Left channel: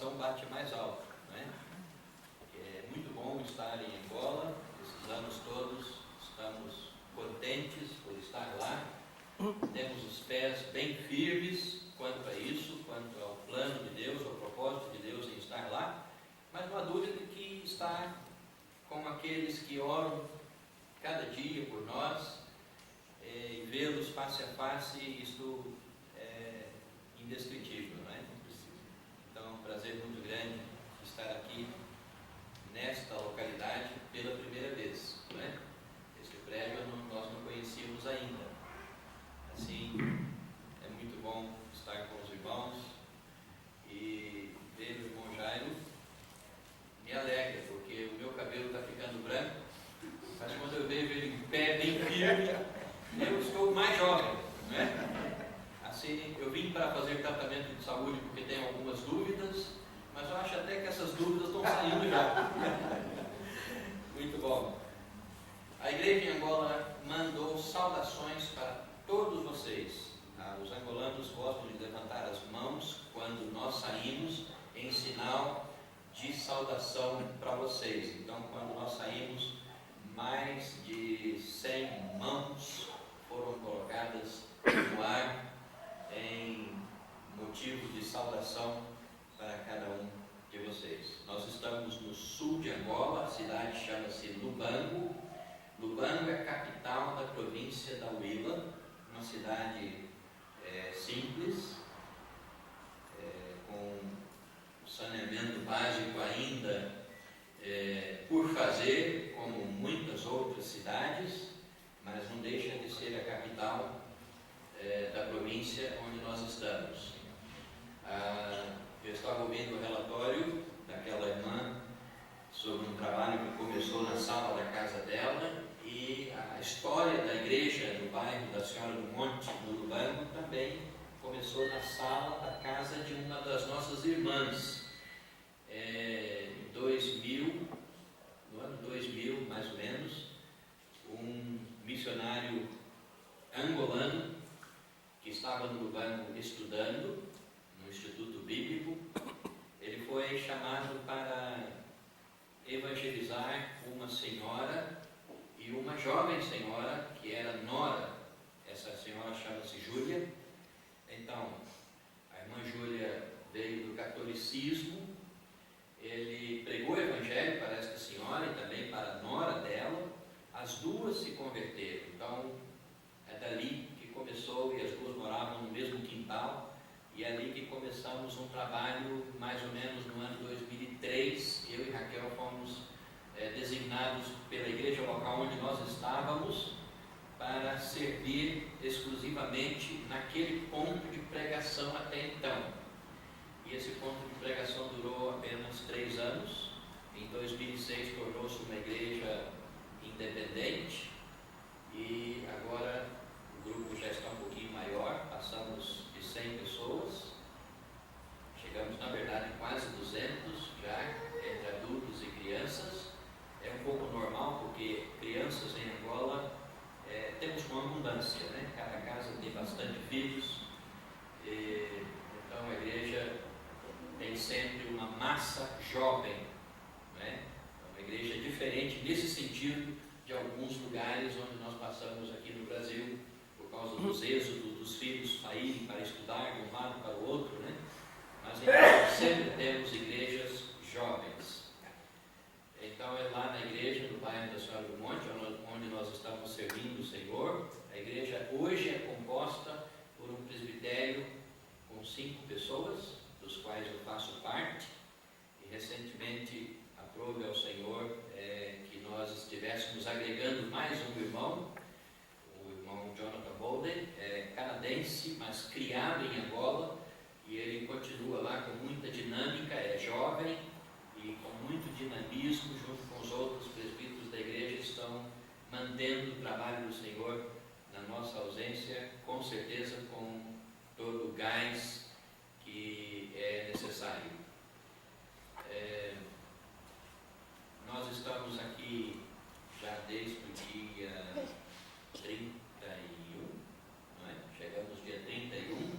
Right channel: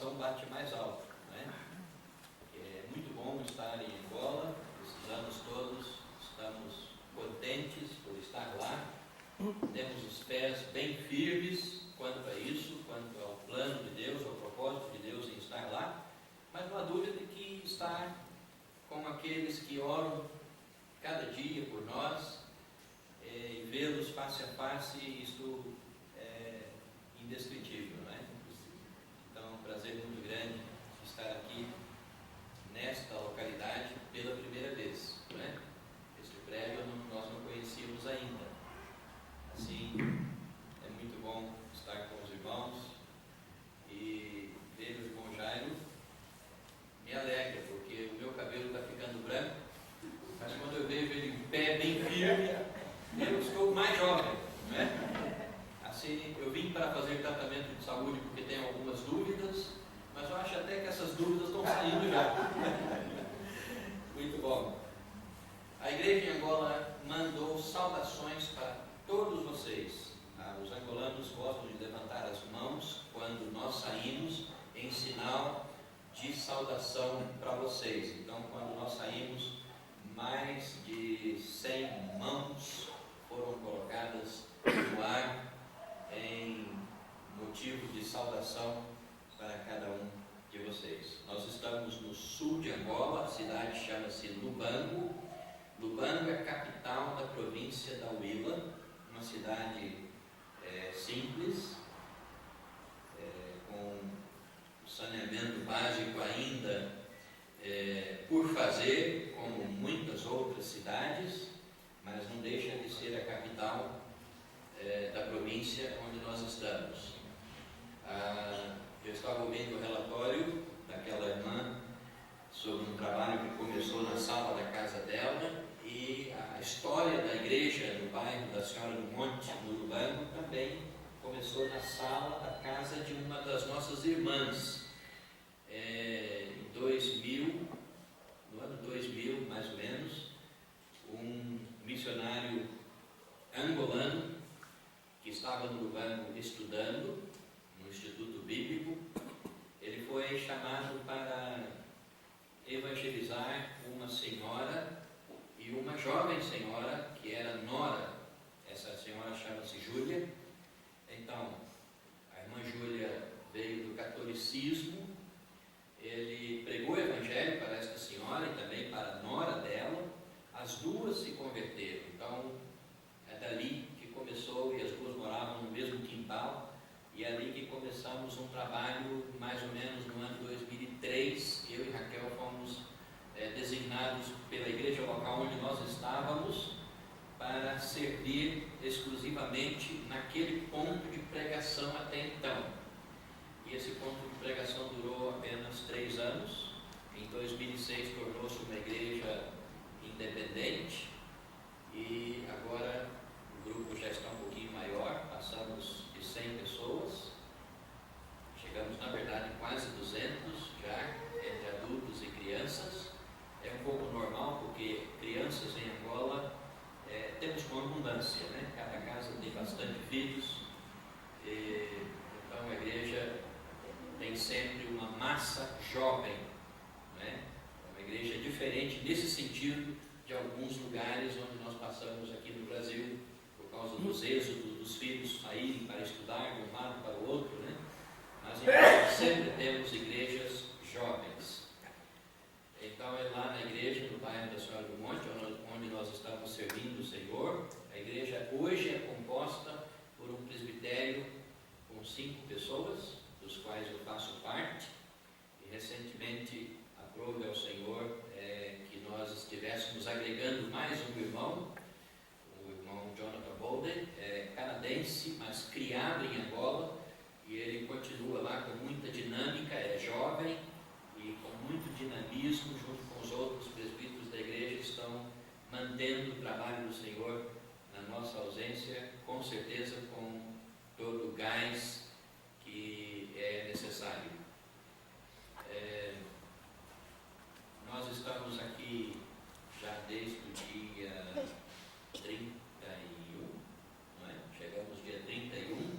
coração bate mais alto, né? É muito bom estar em Angola, esses anos todos estamos contentes por estar lá, temos os pés bem firmes quanto a isso, quanto ao plano de Deus, ao propósito de Deus em estar lá, mas não há dúvida de que estar com aqueles que oram cada dia por nós, e vê-los face a face, isto é indescritível, não é? Então, é um prazer muito grande estar aqui nesta localidade pela primeira vez, não é? Este prédio nós não conhecíamos ainda. Assim, é muito bom estar com os irmãos e ver o irmão Jairo me alegra, porque o meu cabelo está ficando branco, mas quando eu vejo ele em pé, bem firme, eu estou mais jovem, não é? Assim, eu vim para fazer tratamento de saúde porque tenho algumas dúvidas, mas eu acho até que essas dúvidas estão saindo já. Muito bom. A igreja em Angola mandou saudações para todos vocês. Os angolanos gostam de levantar as mãos quando nós saímos em sinal de saudação para vocês. Então, quando nós saímos, mais de 100 mãos foram colocadas no ar em motivo de saudação para cada um de vocês. Nós estamos no sul de Angola, a cidade chama-se Lubango. Lubango é a capital da província da Huila, uma cidade simples, com o saneamento básico ainda por fazer, como muitas outras cidades, mas não deixa de ser a capital da província onde nós estamos. Eu estava ouvindo o relatório daquela irmã sobre um trabalho que começou na sala da casa dela, e a história da igreja no bairro da Senhora do Monte, no Lubango, também começou na sala da casa de uma das nossas irmãs. Em 2000, no ano 2000 mais ou menos, um missionário angolano que estava no Lubango estudando no Instituto Bíblico, ele foi chamado para evangelizar uma senhora e uma jovem senhora que era nora. Essa senhora chama-se Júlia. Então, a irmã Júlia veio do catolicismo, ele pregou o evangelho para esta senhora e também para a nora dela, as duas se converteram. Então, é dali que começou, e as duas moravam no mesmo quintal, e é ali que começamos um trabalho, mais ou menos no ano 2003, eu e Raquel fomos designados pela igreja local onde nós estávamos para servir exclusivamente naquele ponto de pregação até então. E esse ponto de pregação durou apenas 3 anos. Em 2006 tornou-se uma igreja independente, e agora o grupo já está um pouquinho maior, passamos de 100 pessoas, chegamos na verdade quase 200 já, entre adultos e crianças. É um pouco normal, porque crianças em Angola temos com abundância, né? Cada casa tem bastante filhos, então a igreja tem sempre uma massa jovem, né? É uma igreja diferente nesse sentido de alguns lugares onde nós passamos aqui no Brasil, por causa dos êxodos dos filhos saírem para estudar de um lado para o outro, né? Mas em Angola sempre temos igrejas jovens. Então é lá na igreja, no bairro da Senhora do Monte, onde nós estamos servindo o Senhor. A igreja hoje é composta por um presbitério com 5 pessoas, dos quais eu faço parte, e recentemente aprove ao Senhor que nós estivéssemos agregando mais um irmão, o irmão Jonathan Bolden, canadense, mas criado em Angola, e ele continua lá com muita dinâmica, é jovem, e com muito dinamismo, junto com os outros presbíteros da igreja, estão mantendo o trabalho do Senhor na nossa ausência, com certeza com todo o gás que é necessário. Nós estamos aqui já desde o dia 31, não é? Chegamos dia 31,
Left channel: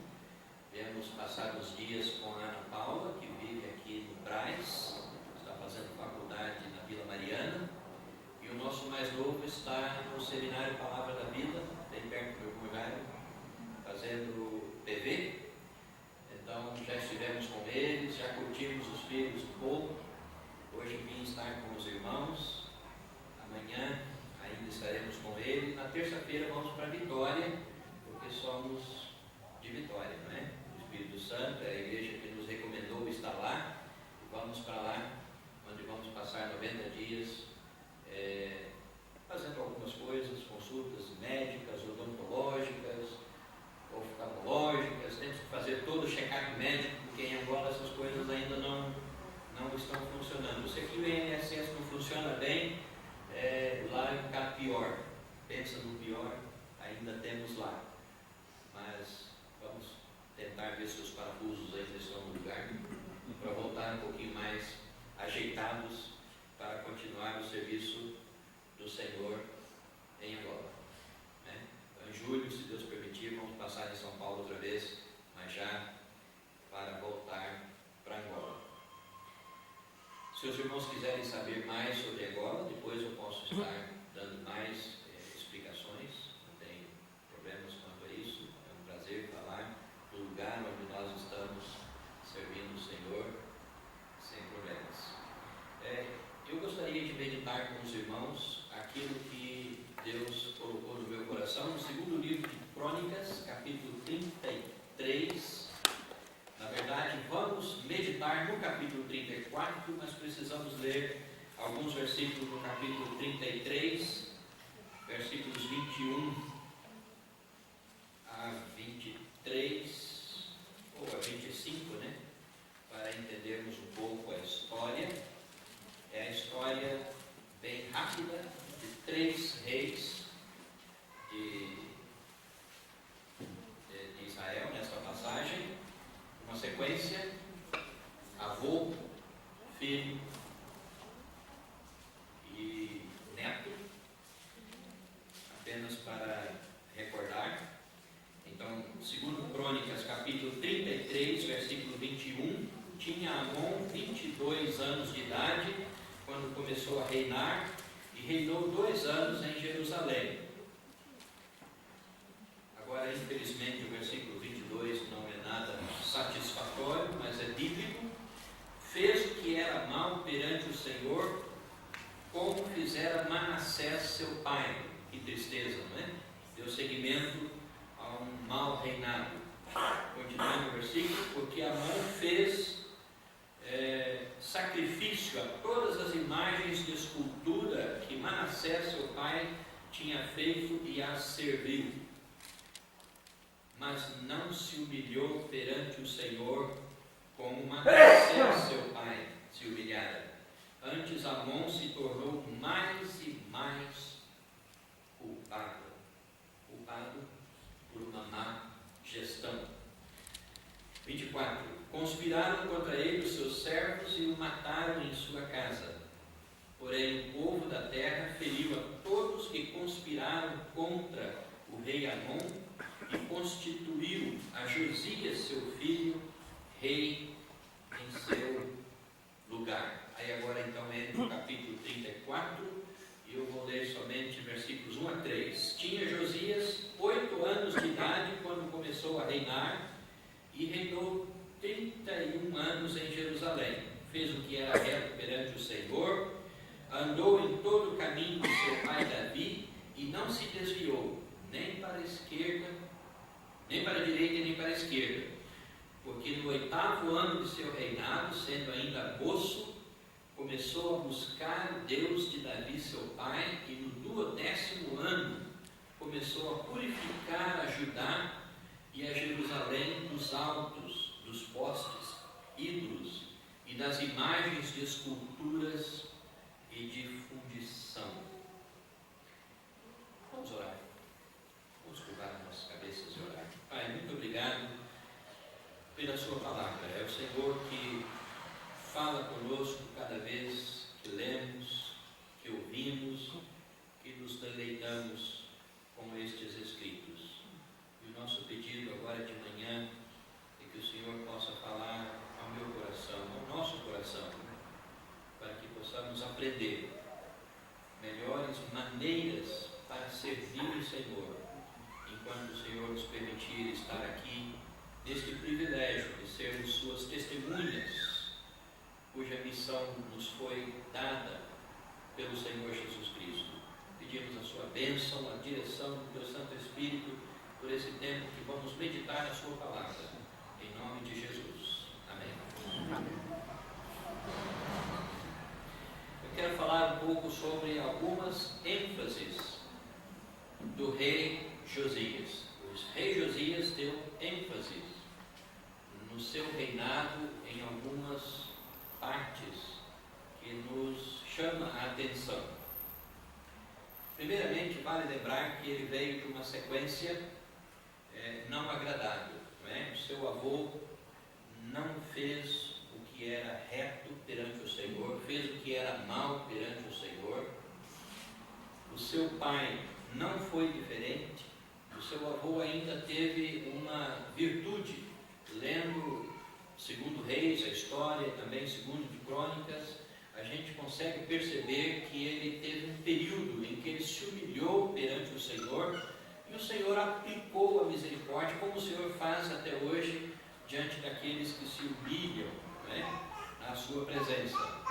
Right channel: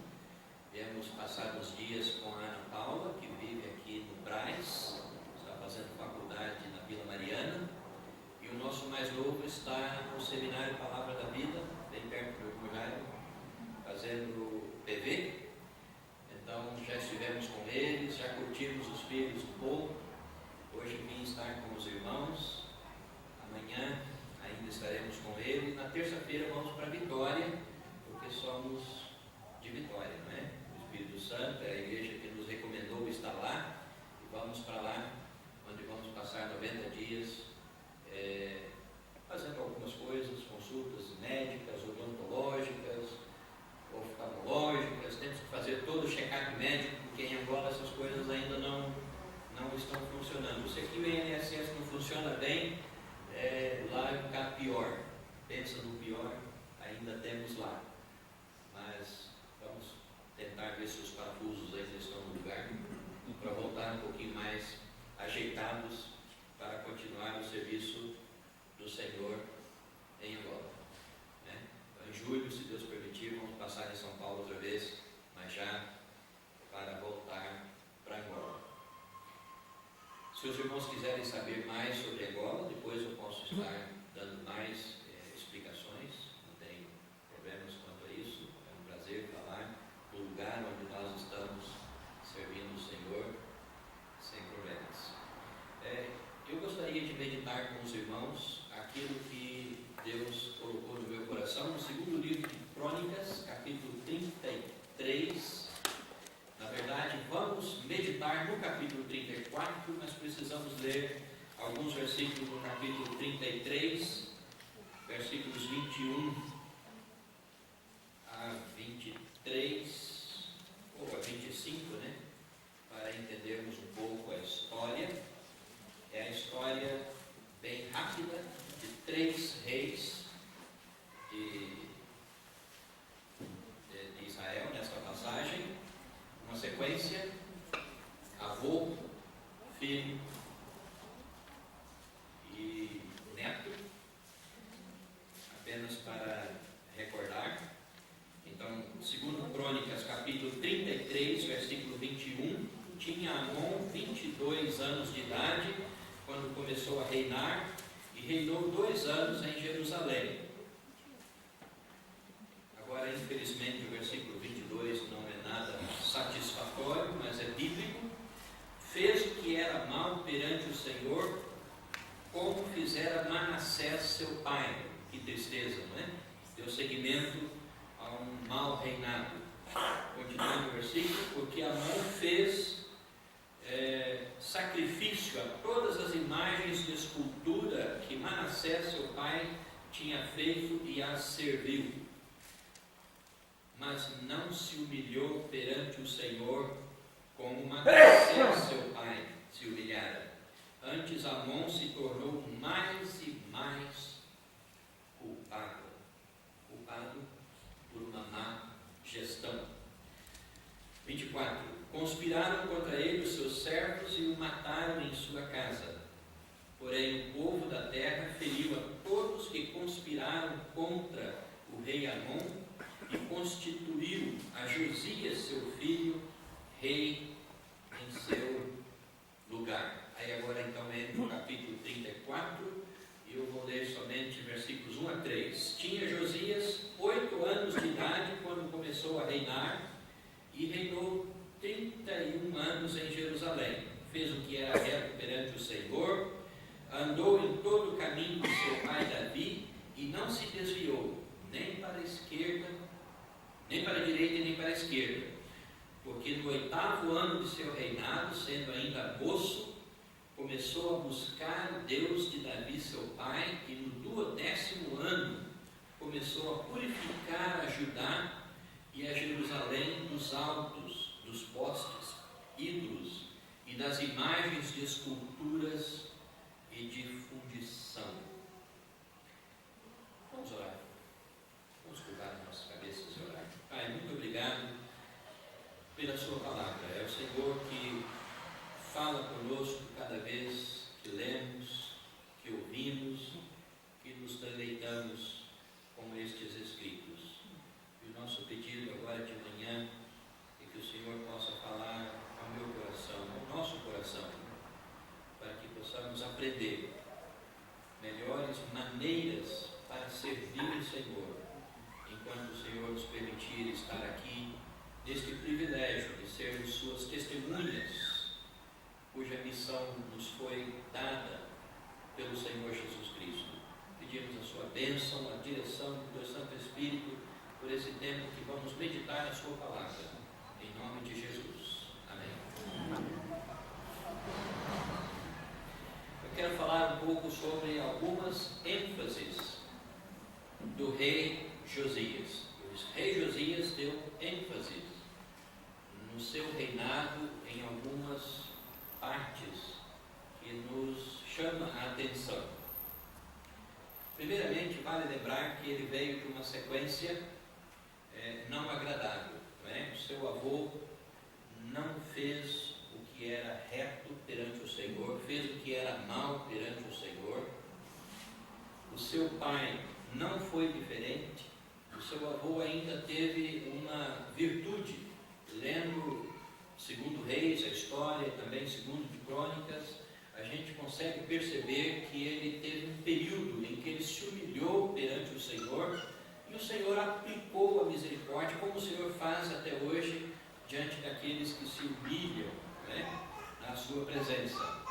viemos passar os dias com a Ana Paula, que vive aqui fazendo faculdade na Vila Mariana, e o nosso mais novo está no Seminário Palavra da Vida, bem perto do meu Jairo, fazendo PV. Então já estivemos com eles, já curtimos os filhos um pouco. Hoje vim estar com os irmãos, amanhã ainda estaremos com eles. Na terça-feira vamos para Vitória, porque somos de Vitória, não é? O Espírito Santo é a igreja que nos recomendou estar lá, e vamos para lá, onde vamos passar 90 dias fazendo algumas coisas, consultas médicas, odontológicas, oftalmológicas. Temos que fazer todo o check-up médico, porque em Angola essas coisas ainda não estão funcionando. Se aqui o INSS não funciona bem, lá é um bocado pior. Pensa no pior, ainda temos lá. Mas vamos tentar ver se os parafusos ainda estão no lugar, para voltar um pouquinho mais ajeitados para continuar o serviço do Senhor em Angola. Né? Então, em julho, se Deus permitir, vamos passar em São Paulo outra vez, mas já para voltar para Angola. Se os irmãos quiserem saber mais sobre Angola, depois eu posso estar dando mais explicações, não tenho problemas quanto a isso. É um prazer falar do lugar onde nós estamos servindo o Senhor sem problemas. Eu gostaria de meditar com os irmãos aquilo que Deus colocou no meu coração no segundo livro de Crônicas, capítulo 33. Na verdade, vamos meditar no capítulo 34, mas precisamos ler alguns versículos do capítulo 33, versículos 21 a 23, ou a 25, né? Para entendermos um pouco a história. É a história bem rápida de 3 reis de Israel, nesta passagem. Uma sequência: avô, filho e neto, apenas para recordar. Então, segundo Crônicas, capítulo 33, versículo 21, tinha Amon 22 anos de idade quando começou a reinar, e reinou 2 anos em Jerusalém. Agora, infelizmente, o versículo 22 não é nada satisfatório, mas é bíblico. Fez o que era mal perante o Senhor, como fizera Manassés seu pai. Que tristeza, não é? Deu seguimento a um mau reinado. Continuando o versículo: porque Amon fez sacrifício a todas as imagens de escultura que Manassés seu pai tinha feito e as serviu, mas não se humilhou perante o Senhor como Manassés seu pai se humilhara. Antes Amon se tornou mais e mais culpado por uma má gestão. 24. Conspiraram contra ele os seus servos e o mataram em sua casa. Porém, o povo da terra feriu a todos que conspiraram contra o rei Amon e constituiu a Josias, seu filho, rei em seu lugar. Aí agora então entra no capítulo 34 e eu vou ler somente versículos 1 a 3. Tinha Josias 8 anos de idade quando começou a reinar, e reinou 31 anos em Jerusalém. Fez o que era reto perante o Senhor, andou em todo o caminho de seu pai Davi, e não se desviou, nem para a esquerda, nem para a direita e nem para a esquerda. Porque no 8º ano de seu reinado, sendo ainda moço, começou a buscar o Deus de Davi seu pai, e no 12º ano começou a purificar a Judá e a Jerusalém dos altos, dos postes, ídolos e das imagens de esculturas e de fundição. Vamos orar. Vamos curvar as nossas cabeças e orar. Pai, muito obrigado pela sua palavra. É o Senhor que fala conosco cada vez que lemos, que ouvimos, que nos deleitamos com estes escritos. E o nosso pedido agora de manhã é que o Senhor possa falar ao meu coração, ao nosso coração, para que sobre algumas ênfases do rei Josias. O rei Josias deu ênfase no seu reinado em algumas partes que nos chama a atenção. Primeiramente, vale lembrar que ele veio de uma sequência não agradável. Não é? O seu avô não fez o que era reto perante o Senhor, fez o que era mal perante o Senhor. O seu pai não foi diferente. O seu avô ainda teve uma virtude, lendo segundo Reis, a história, também segundo de Crônicas, a gente consegue perceber que ele teve um período em que ele se humilhou perante o Senhor, e o Senhor aplicou a misericórdia, como o Senhor faz até hoje, diante daqueles que se humilham, né, na sua presença.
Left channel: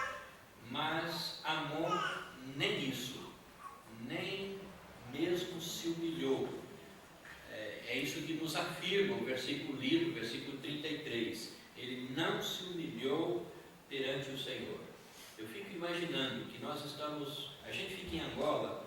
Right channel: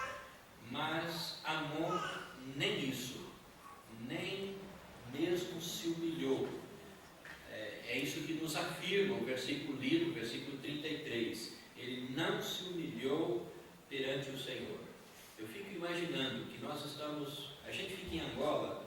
Mas Amon nem isso, nem mesmo se humilhou. É isso que nos afirma o versículo lido, o versículo 33. Ele não se humilhou perante o Senhor. Eu fico imaginando que a gente fica em Angola,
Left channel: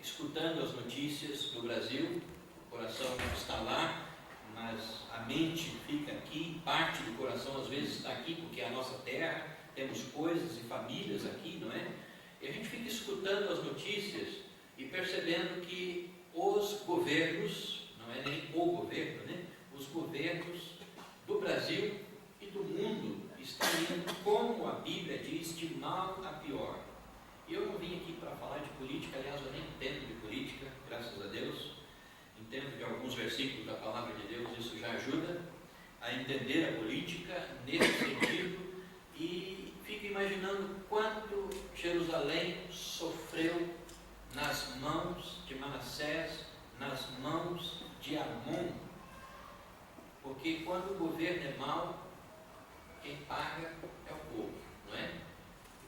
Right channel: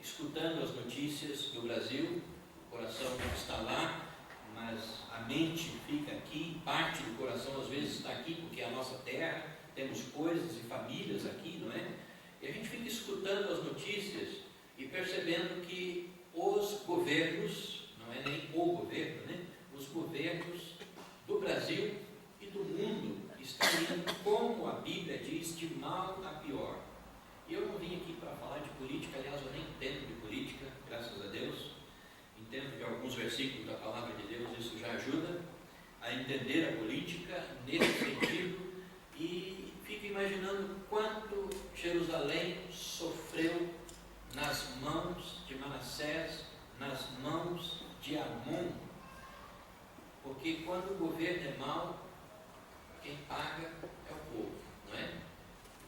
escutando as notícias do Brasil, o coração está lá, mas a mente fica aqui, parte do coração às vezes está aqui, porque é a nossa terra, temos coisas e famílias aqui, não é? E a gente fica escutando as notícias e percebendo que os governos, não é nem o governo, né? Os governos do Brasil e do mundo estão indo, como a Bíblia diz, de mal a pior. E eu não vim aqui para falar de política, aliás, eu nem entendo de política, graças a Deus. Entendo de alguns versículos da palavra de Deus, isso já ajuda a entender a política nesse sentido. E fico imaginando quanto Jerusalém sofreu nas mãos de Manassés, nas mãos de Amon. Porque quando o governo é mau, quem paga é o povo, não é?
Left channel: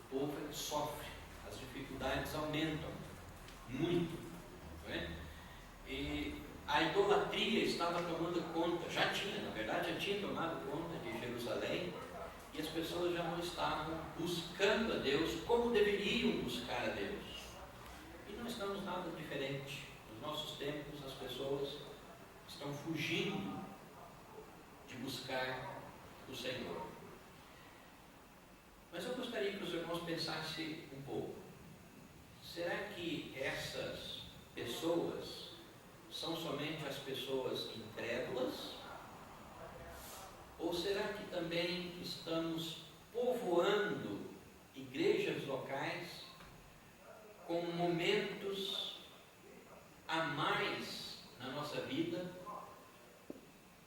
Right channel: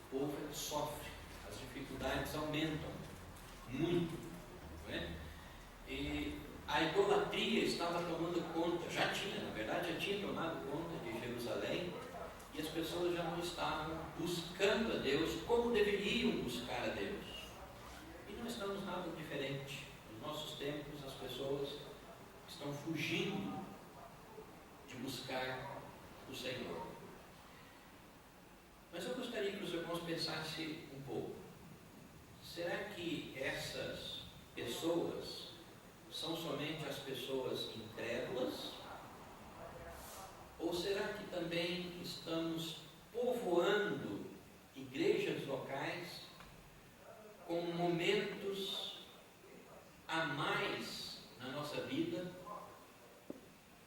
O povo é que sofre, as dificuldades aumentam muito, não é? E a idolatria estava tomando conta, já tinha tomado conta de Jerusalém, e as pessoas já não estavam buscando a Deus como deveriam buscar a Deus. E não estamos nada diferente. Nos nossos tempos, as pessoas estão fugindo de buscar o Senhor. Mas eu gostaria que os irmãos pensassem um pouco. Será que essas pessoas são somente as pessoas incrédulas? Ou será que também estamos povoando igrejas locais com momentos a mais na nossa vida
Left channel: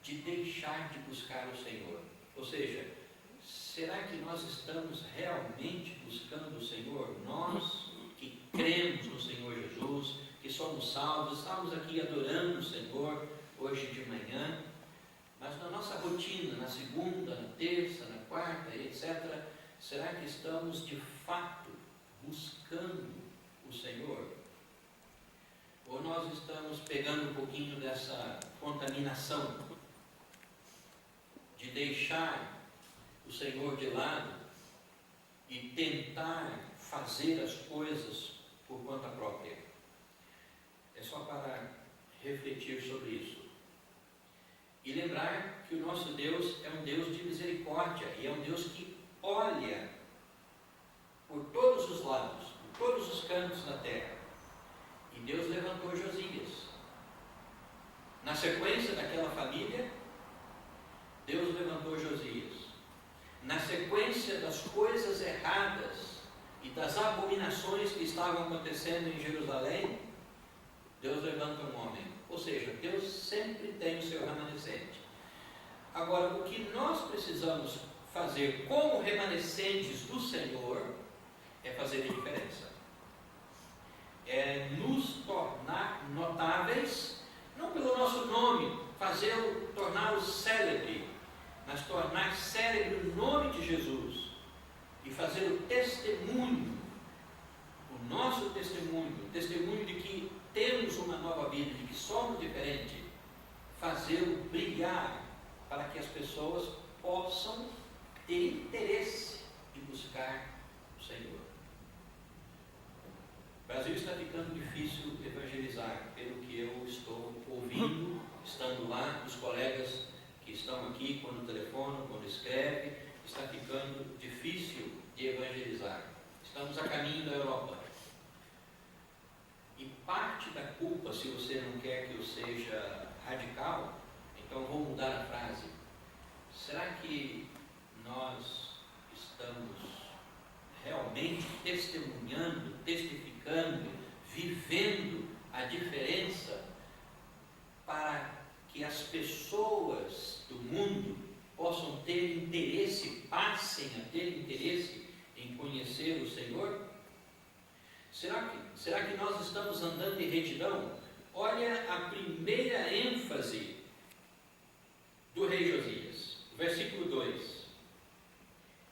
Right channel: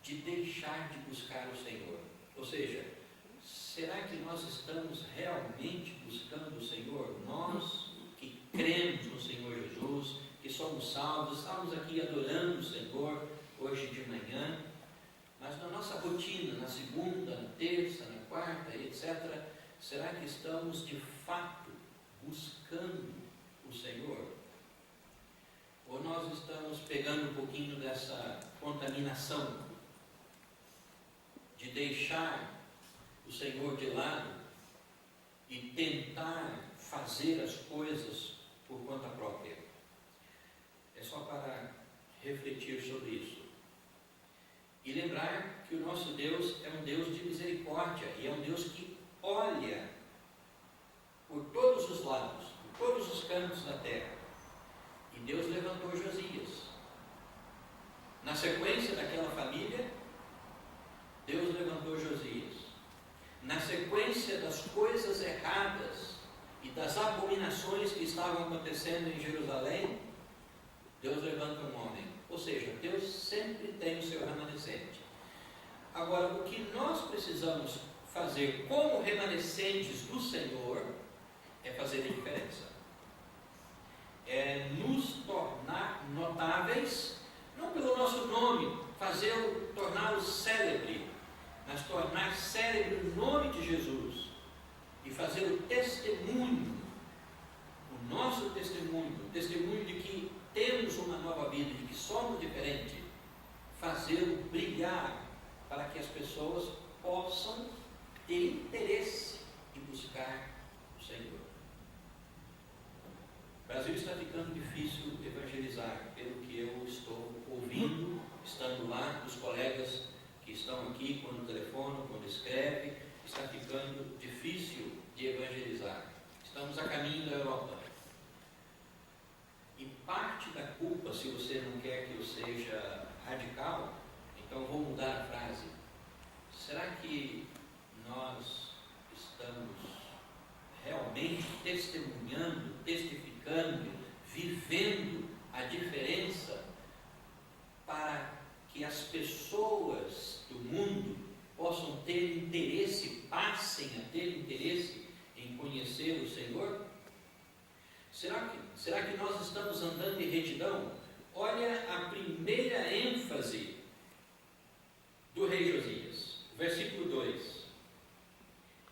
de deixar de buscar o Senhor? Ou seja, será que nós estamos realmente buscando o Senhor? Nós que cremos no Senhor Jesus, que somos salvos, estamos aqui adorando o Senhor hoje de manhã, mas na nossa rotina, na segunda, na terça, na quarta, etc., será que estamos de fato buscando o Senhor? Ou nós estamos pegando um pouquinho dessa contaminação de deixar o Senhor de lado e tentar fazer as coisas por conta própria? É só para refletir sobre isso. E lembrar que o nosso Deus é um Deus de misericórdia e é um Deus que olha por todos os lados, por todos os cantos da terra. E Deus levantou Josias. Na sequência daquela família, Deus levantou Josias. Na sequência das coisas erradas e das abominações que estavam acontecendo em Jerusalém, Deus levanta um homem. Ou seja, Deus sempre tem o seu remanescente. Agora, o que nós precisamos fazer como remanescentes do Senhor é fazer a diferença. É nos tornar notáveis, não pelo nosso nome, torná-lo célebre, mas tornar célebre o nome de Jesus e fazer o testemunho, o nosso testemunho, o testemunho de que temos uma nova vida, de que somos diferentes, fazê-lo brilhar para que as pessoas possam ter interesse de buscar o Senhor. quando escreve, está ficando difícil de evangelizar. Estamos a caminho da Europa. E parte da culpa, se você não quer que eu seja radical, então eu vou mudar a frase. Será que nós estamos realmente testemunhando, testificando, vivendo a diferença para que as pessoas do mundo possam ter interesse, passem a ter interesse em conhecer o Senhor? Será que nós estamos andando em retidão? Olha a primeira ênfase do rei Josias, versículo 2.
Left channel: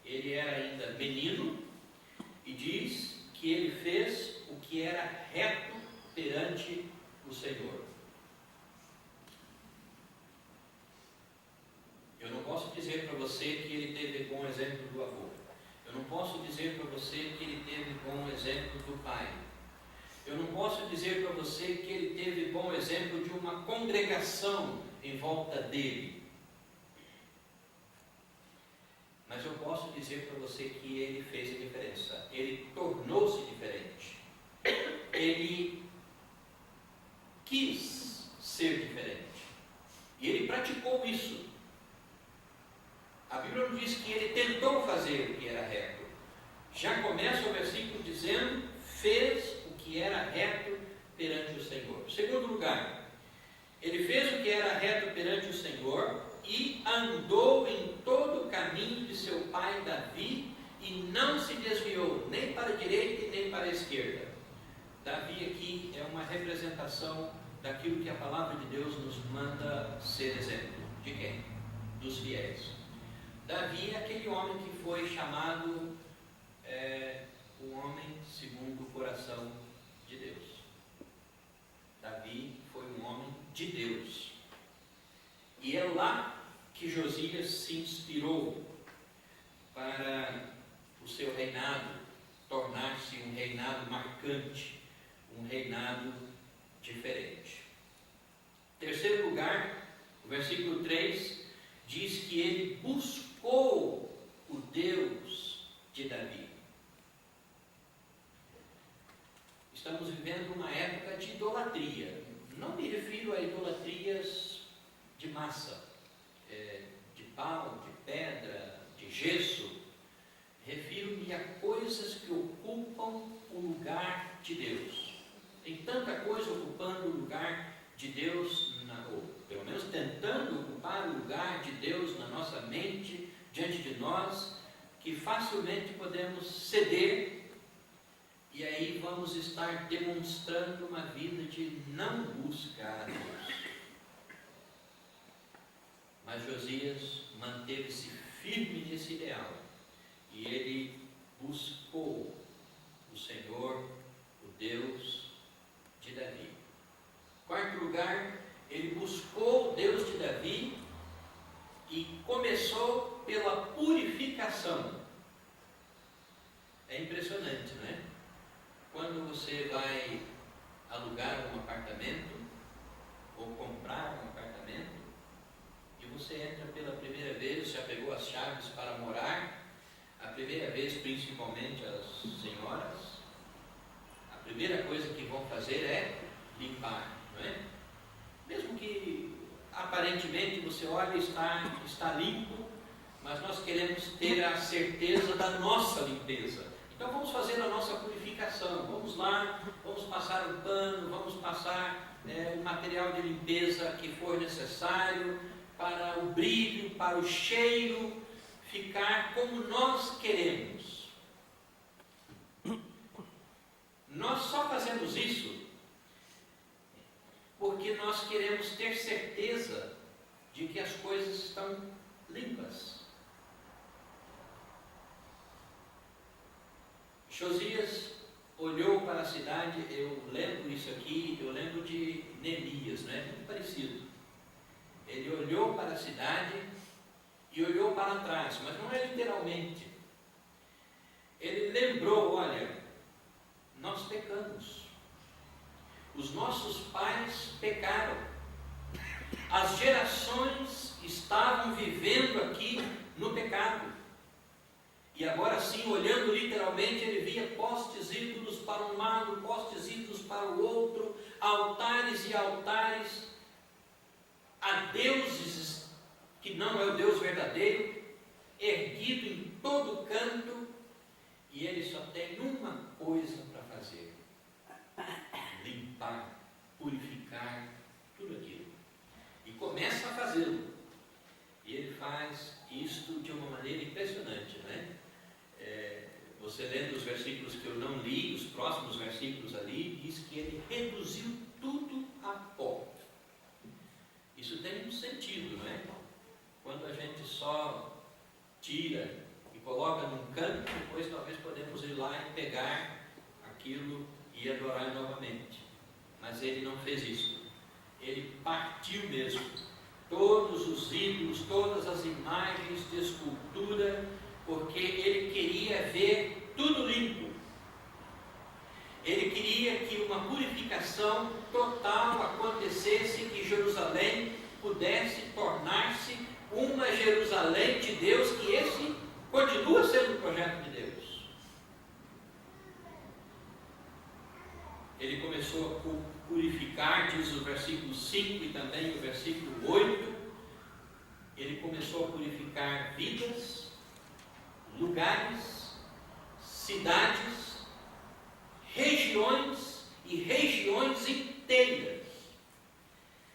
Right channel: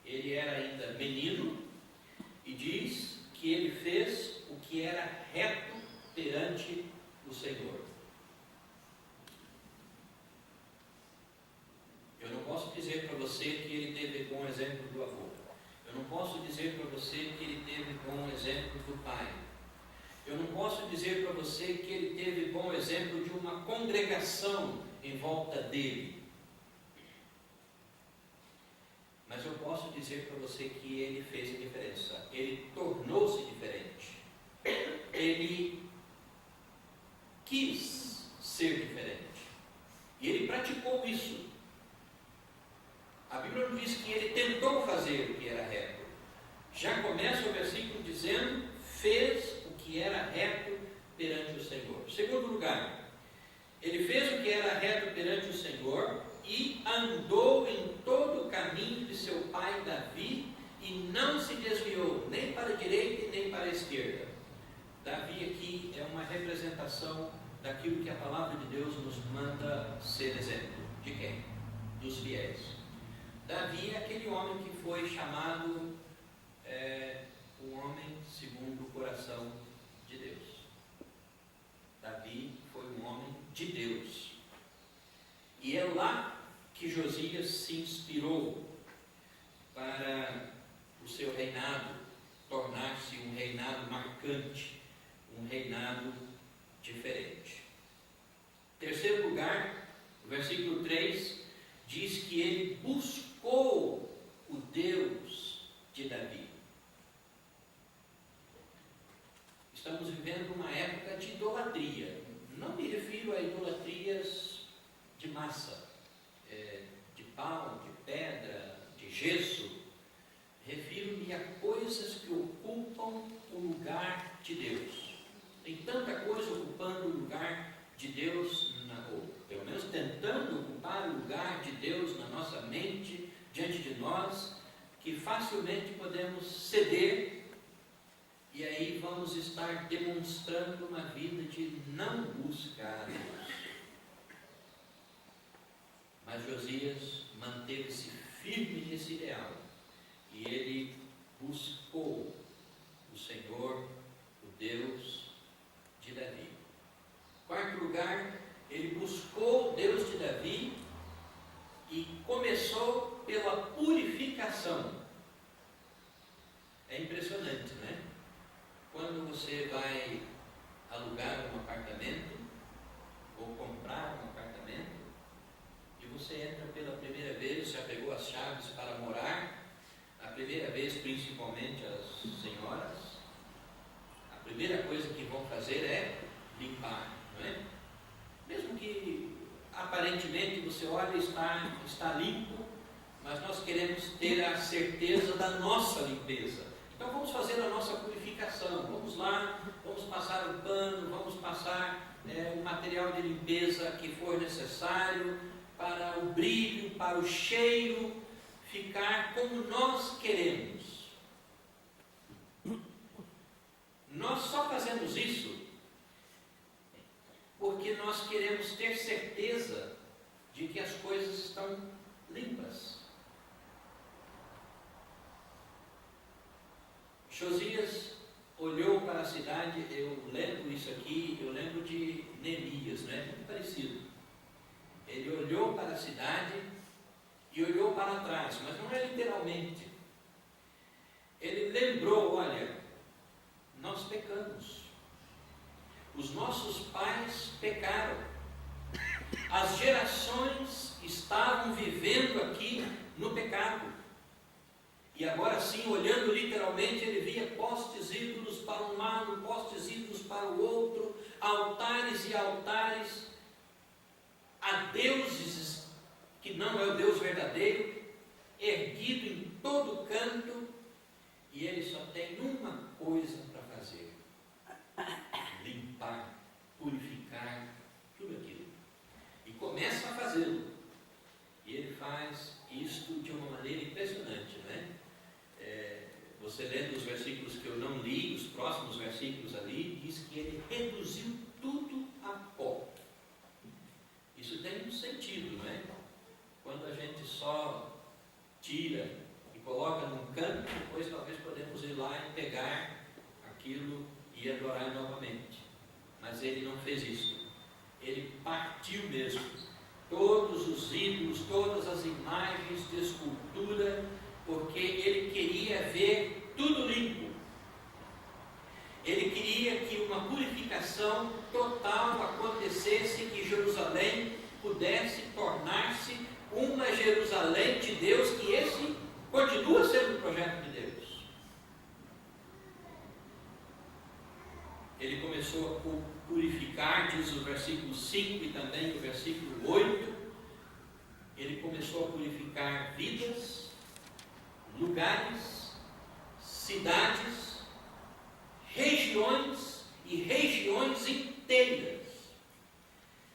Ele era ainda menino e diz que ele fez o que era reto perante o Senhor. Eu não posso dizer para você que ele teve bom exemplo do avô. Eu não posso dizer para você que ele teve bom exemplo do pai. Eu não posso dizer para você que ele teve bom exemplo de uma congregação em volta dele. Mas eu posso dizer para você que ele fez a diferença. Ele tornou-se diferente. Ele quis ser diferente. E ele praticou isso. A Bíblia não diz que ele tentou fazer o que era reto. Já começa o versículo dizendo, fez o que era reto perante o Senhor. Segundo lugar, ele fez o que era reto perante o Senhor e andou em todo o caminho de seu pai Davi e não se desviou nem para a direita nem para a esquerda. Davi aqui é uma representação daquilo que a palavra de Deus nos manda ser exemplo. De quem? Dos fiéis. Davi é aquele homem que foi chamado o homem segundo o coração de Deus. Davi foi um homem de Deus. E é lá que Josias se inspirou para o seu reinado tornar-se um reinado marcante, um reinado diferente. Terceiro lugar, o versículo 3 diz que ele buscou o Deus de Davi. Estamos vivendo uma época de idolatria. Não me refiro a idolatrias de massa, de pau, de pedra, de gesso. Refiro-me a coisas que ocupam o lugar de Deus. Tem tanta coisa ocupando o lugar de Deus, ou pelo menos tentando ocupar o lugar de Deus na nossa mente, diante de nós, que facilmente podemos ceder, e aí vamos estar demonstrando uma vida de não buscar a Deus. Mas Josias manteve-se firme nesse ideal, e ele buscou o Senhor, o Deus de Davi. Quarto lugar, ele buscou o Deus de Davi e começou pela purificação. É impressionante, não é? Quando você vai alugar um apartamento ou comprar um apartamento e você entra pela primeira vez, já pegou as chaves para morar, a primeira vez, principalmente as senhoras, a primeira coisa que vão fazer é limpar, não é? Mesmo que aparentemente você olha e está limpo, mas nós queremos ter a certeza da nossa limpeza. Então vamos fazer a nossa purificação. Vamos lá, vamos passar o pano, vamos passar o material de limpeza que for necessário para o brilho, para o cheiro ficar como nós queremos. Nós só fazemos isso porque nós queremos ter certeza de que as coisas estão limpas. Josias olhou para a cidade, eu lembro isso aqui, eu lembro de Neemias, não é? Muito parecido. Ele olhou para a cidade e olhou para trás, mas não é literalmente. Ele lembrou, olha, nós pecamos. Os nossos pais pecaram. As gerações estavam vivendo aqui no pecado. E agora sim, olhando literalmente, ele via postes ídolos para um lado, postes ídolos para o outro, altares e altares a deuses que não é o Deus verdadeiro, erguido em todo canto, e ele só tem uma coisa para fazer: limpar, purificar tudo aquilo. E começa a fazê-lo. E ele faz isto de uma maneira impressionante, não é? Você lendo os versículos que eu não li, os próximos versículos ali, diz que ele reduziu tudo a pó. Isso tem um sentido, não é? Quando a gente só tira e coloca num canto, depois talvez podemos ir lá e pegar aquilo e adorar novamente. Mas ele não fez isso. Ele partiu mesmo todos os ídolos, todas as imagens de escultura, porque ele queria ver tudo limpo. Ele queria que uma purificação total acontecesse, que Jerusalém pudesse tornar-se uma Jerusalém de Deus, que esse continua sendo o projeto de Deus. Ele começou a purificar, diz o versículo 5 e também o versículo 8, ele começou a purificar vidas, lugares, cidades, regiões e regiões inteiras.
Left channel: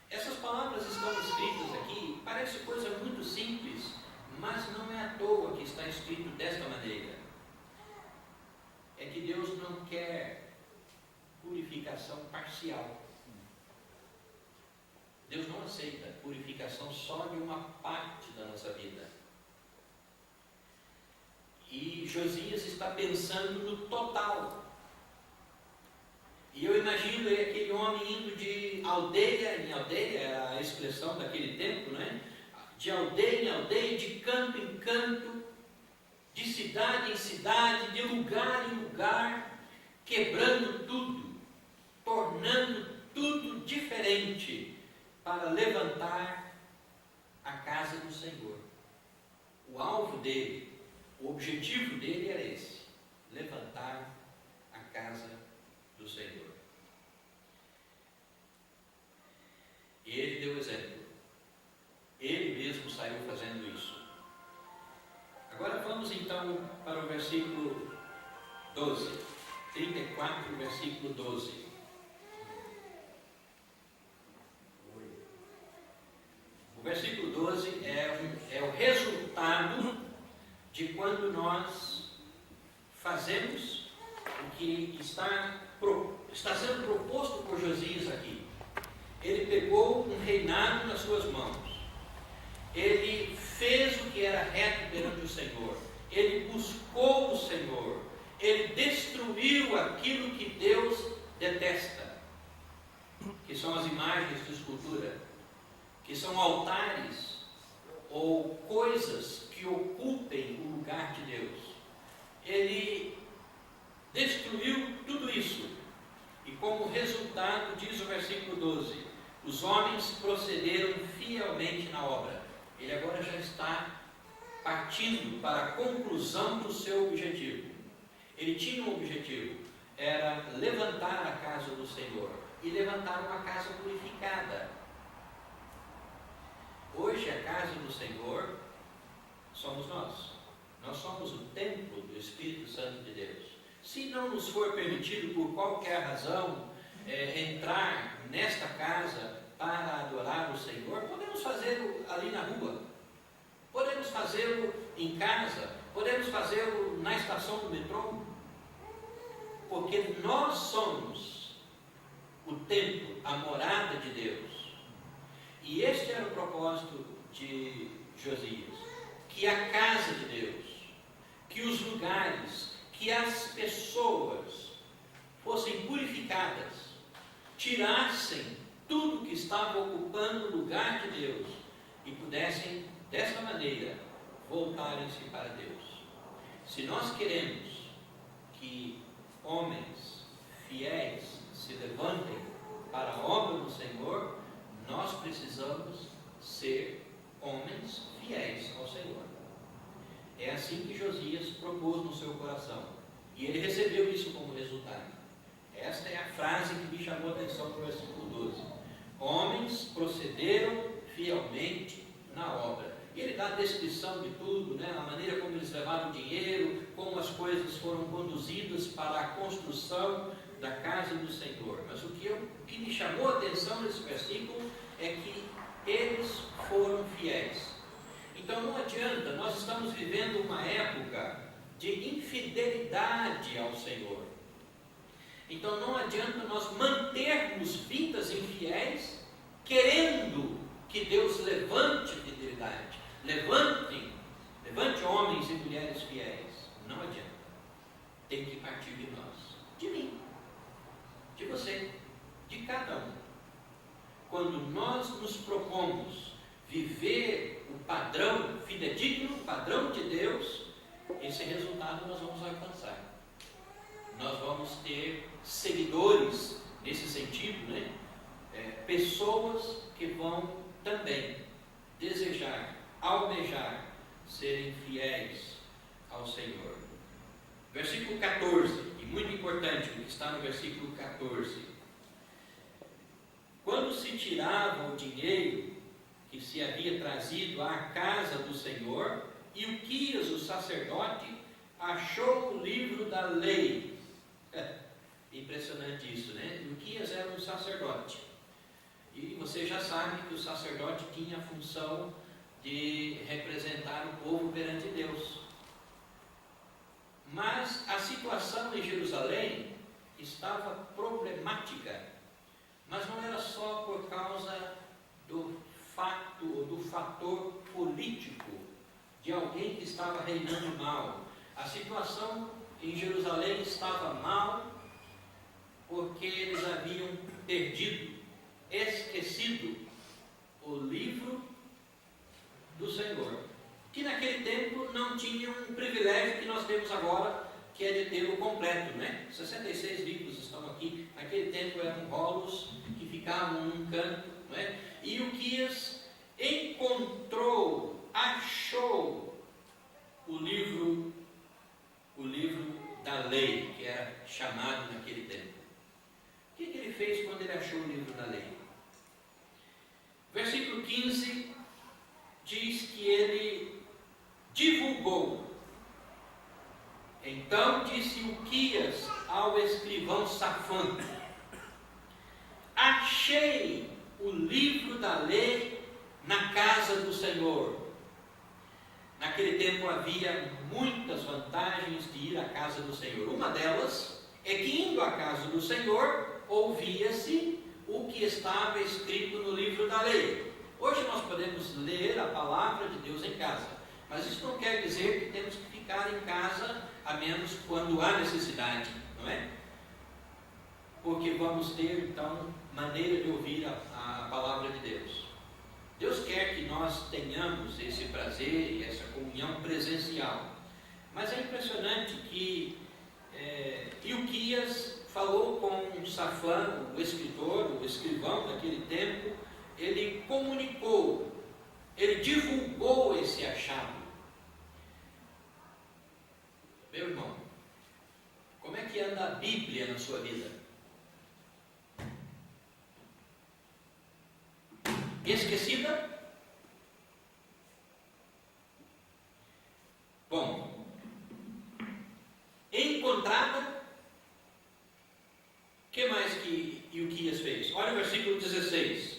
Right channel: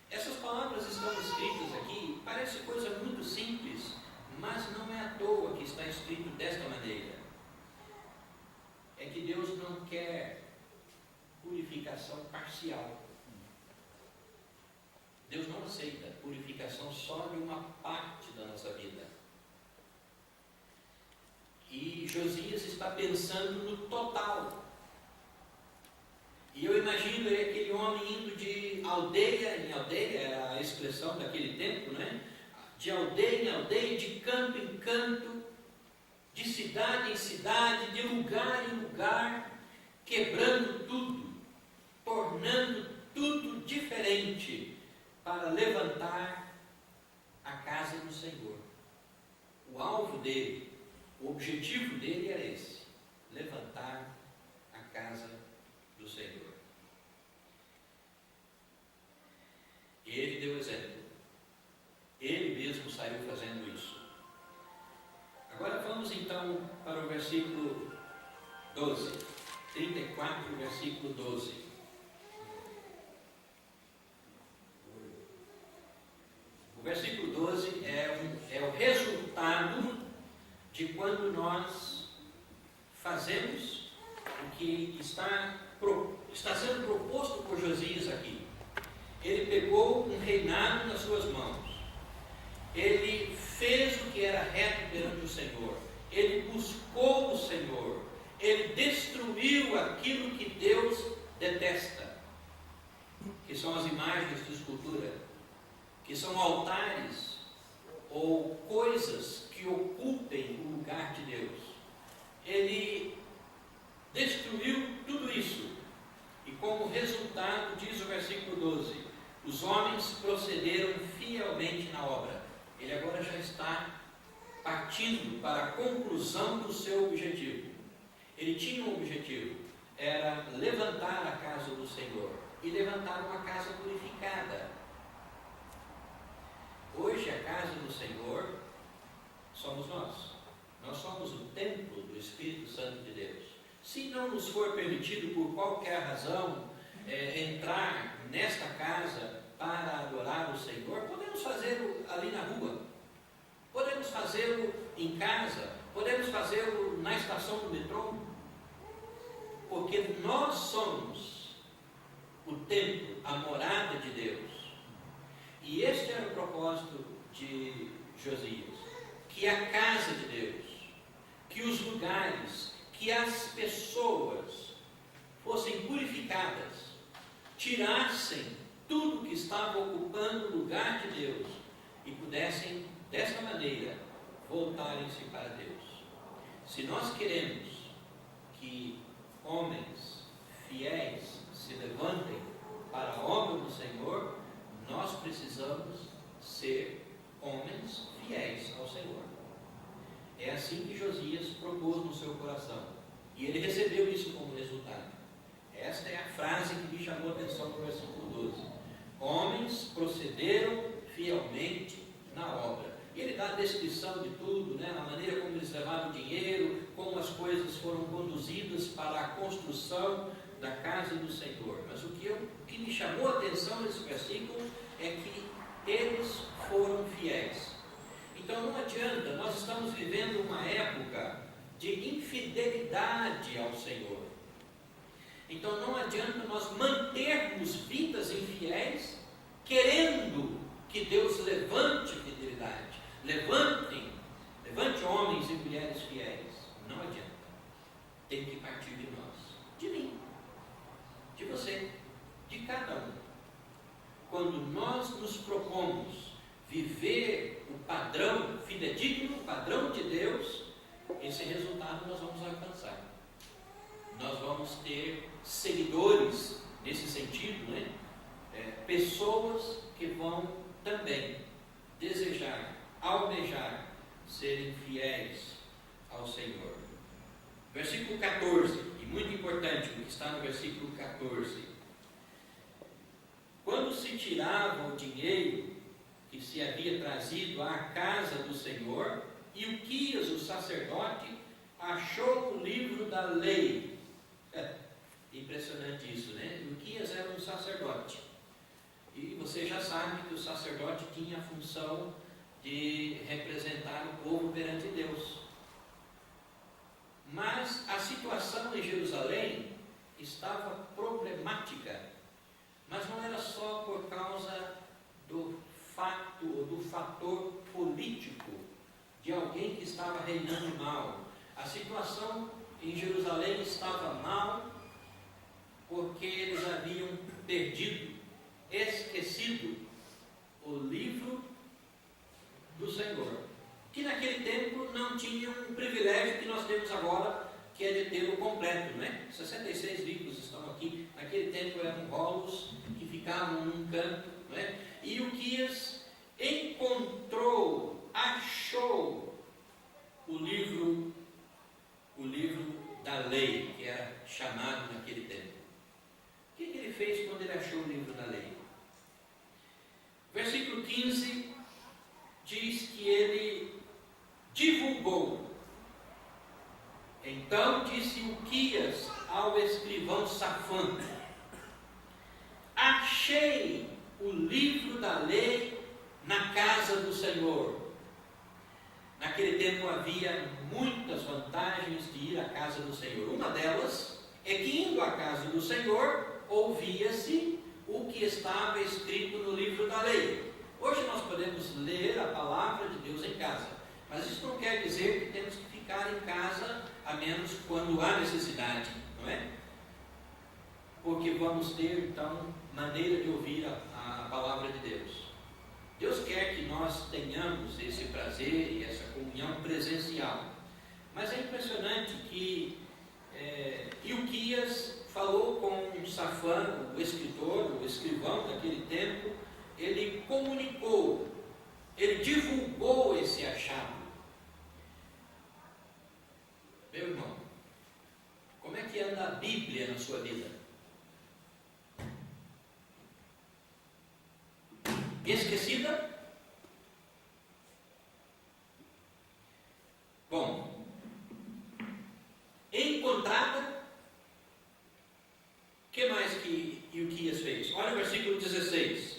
Essas palavras estão escritas aqui, parece coisa muito simples, mas não é à toa que está escrito desta maneira. É que Deus não quer purificação parcial. Deus não aceita purificação só de uma parte da nossa vida. E Josias está pensando no total. E eu imagino aquele homem indo de aldeia em aldeia, era a expressão daquele tempo, né? De aldeia em aldeia, de canto em canto, de cidade em cidade, de lugar em lugar, quebrando tudo, tornando tudo diferente, para levantar a casa do Senhor. O alvo dele, o objetivo dele era esse: levantar a casa do Senhor. E ele deu exemplo. Ele mesmo saiu fazendo isso. Agora vamos então para o versículo 12. 34, versículo 12. O versículo 12 é o resultado de quando nós fazemos o que está sendo proposto por Josias aqui. Ele pegou um reinado nas suas mãos. Ele fez o que era reto perante o Senhor. Ele buscou o Senhor. Ele destruiu aquilo que Deus detesta, que são as imagens de escultura, que são altares ou coisas que ocupem o lugar de Deus. Ele destruiu tudo isso. E como resultado, diz o versículo 12, os homens procederam fielmente na obra. Ele agora já está partindo para a conclusão do seu objetivo. Ele tinha um objetivo, era levantar a casa do Senhor e levantar uma casa purificada. Hoje a casa do Senhor somos nós. Nós somos o templo do Espírito Santo de Deus. Se não nos for permitido por qualquer razão entrar nesta casa para adorar o Senhor, podemos fazê-lo ali na rua, podemos fazê-lo em casa, podemos fazê-lo na estação do metrô, porque nós somos o templo, a morada de Deus. E este era o propósito de Josias, que a casa de Deus, que os lugares, que as pessoas fossem purificadas, tirassem tudo que estava ocupando o lugar de Deus e pudessem, dessa maneira, voltarem-se para Deus. Se nós queremos que homens fiéis se levantem para a obra do Senhor, nós precisamos ser homens fiéis ao Senhor. É assim que Josias propôs no seu coração. E ele recebeu isso como resultado. Esta é a frase que me chamou a atenção no versículo 12. Homens procederam fielmente na obra. E ele dá a descrição de tudo, né? A maneira como eles levaram o dinheiro, como as coisas foram conduzidas para a construção da casa do Senhor. Mas o que me chamou a atenção nesse versículo é que eles foram fiéis. Então não adianta, nós estamos vivendo uma época de infidelidade ao Senhor. Então não adianta nós mantermos vidas infiéis, querendo que Deus levante fidelidade. Levante homens e mulheres fiéis. Não adianta. Tem que partir de nós, de mim, de você, de cada um. Quando nós nos propomos viver o padrão fidedigno, o padrão de Deus, esse resultado nós vamos alcançar. Nós vamos ter seguidores nesse sentido, né? Pessoas que vão também desejar, almejar, serem fiéis ao Senhor. Versículo 14, e muito importante o que está no versículo 14. Quando se tirava o dinheiro que se havia trazido à casa do Senhor, Ilquias, o sacerdote, achou o livro da lei. Impressionante isso, né? Ilquias era um sacerdote. E você já sabe que o sacerdote tinha a função de representar o povo perante Deus. Mas a situação em Jerusalém estava problemática. Mas não era só por causa do fato ou do fator político de alguém que estava reinando mal. A situação em Jerusalém estava mal porque eles haviam perdido, esquecido o livro do Senhor, que naquele tempo não tinha um privilégio que nós temos agora, que é de ter o completo, né? 66 livros estão aqui. Naquele tempo eram rolos que ficavam num canto, né? E Ilquias encontrou, achou o livro da lei, que era chamado naquele tempo. O que ele fez quando ele achou o livro da lei? Versículo 15 diz que ele divulgou. Então disse Ilquias ao escrivão Safã: achei o livro da lei na casa do Senhor. Naquele tempo havia muitas vantagens de ir à casa do Senhor. Uma delas é que, indo à casa do Senhor, ouvia-se o que estava escrito no livro da lei. Hoje nós podemos ler a palavra de Deus em casa, mas isso não quer dizer que temos que ficar em casa, a menos quando há necessidade, não é? Porque vamos ter, então, maneira de ouvir a palavra de Deus. Deus quer que nós tenhamos esse prazer e essa comunhão presencial. Mas é impressionante que Ilquias falou com Safã, o escritor, o escrivão daquele tempo. Ele comunicou, ele divulgou esse achado. Meu irmão, como é que anda a Bíblia na sua vida? Esquecida? Bom, encontrada? O que mais que Ilquias fez? Olha o versículo 16.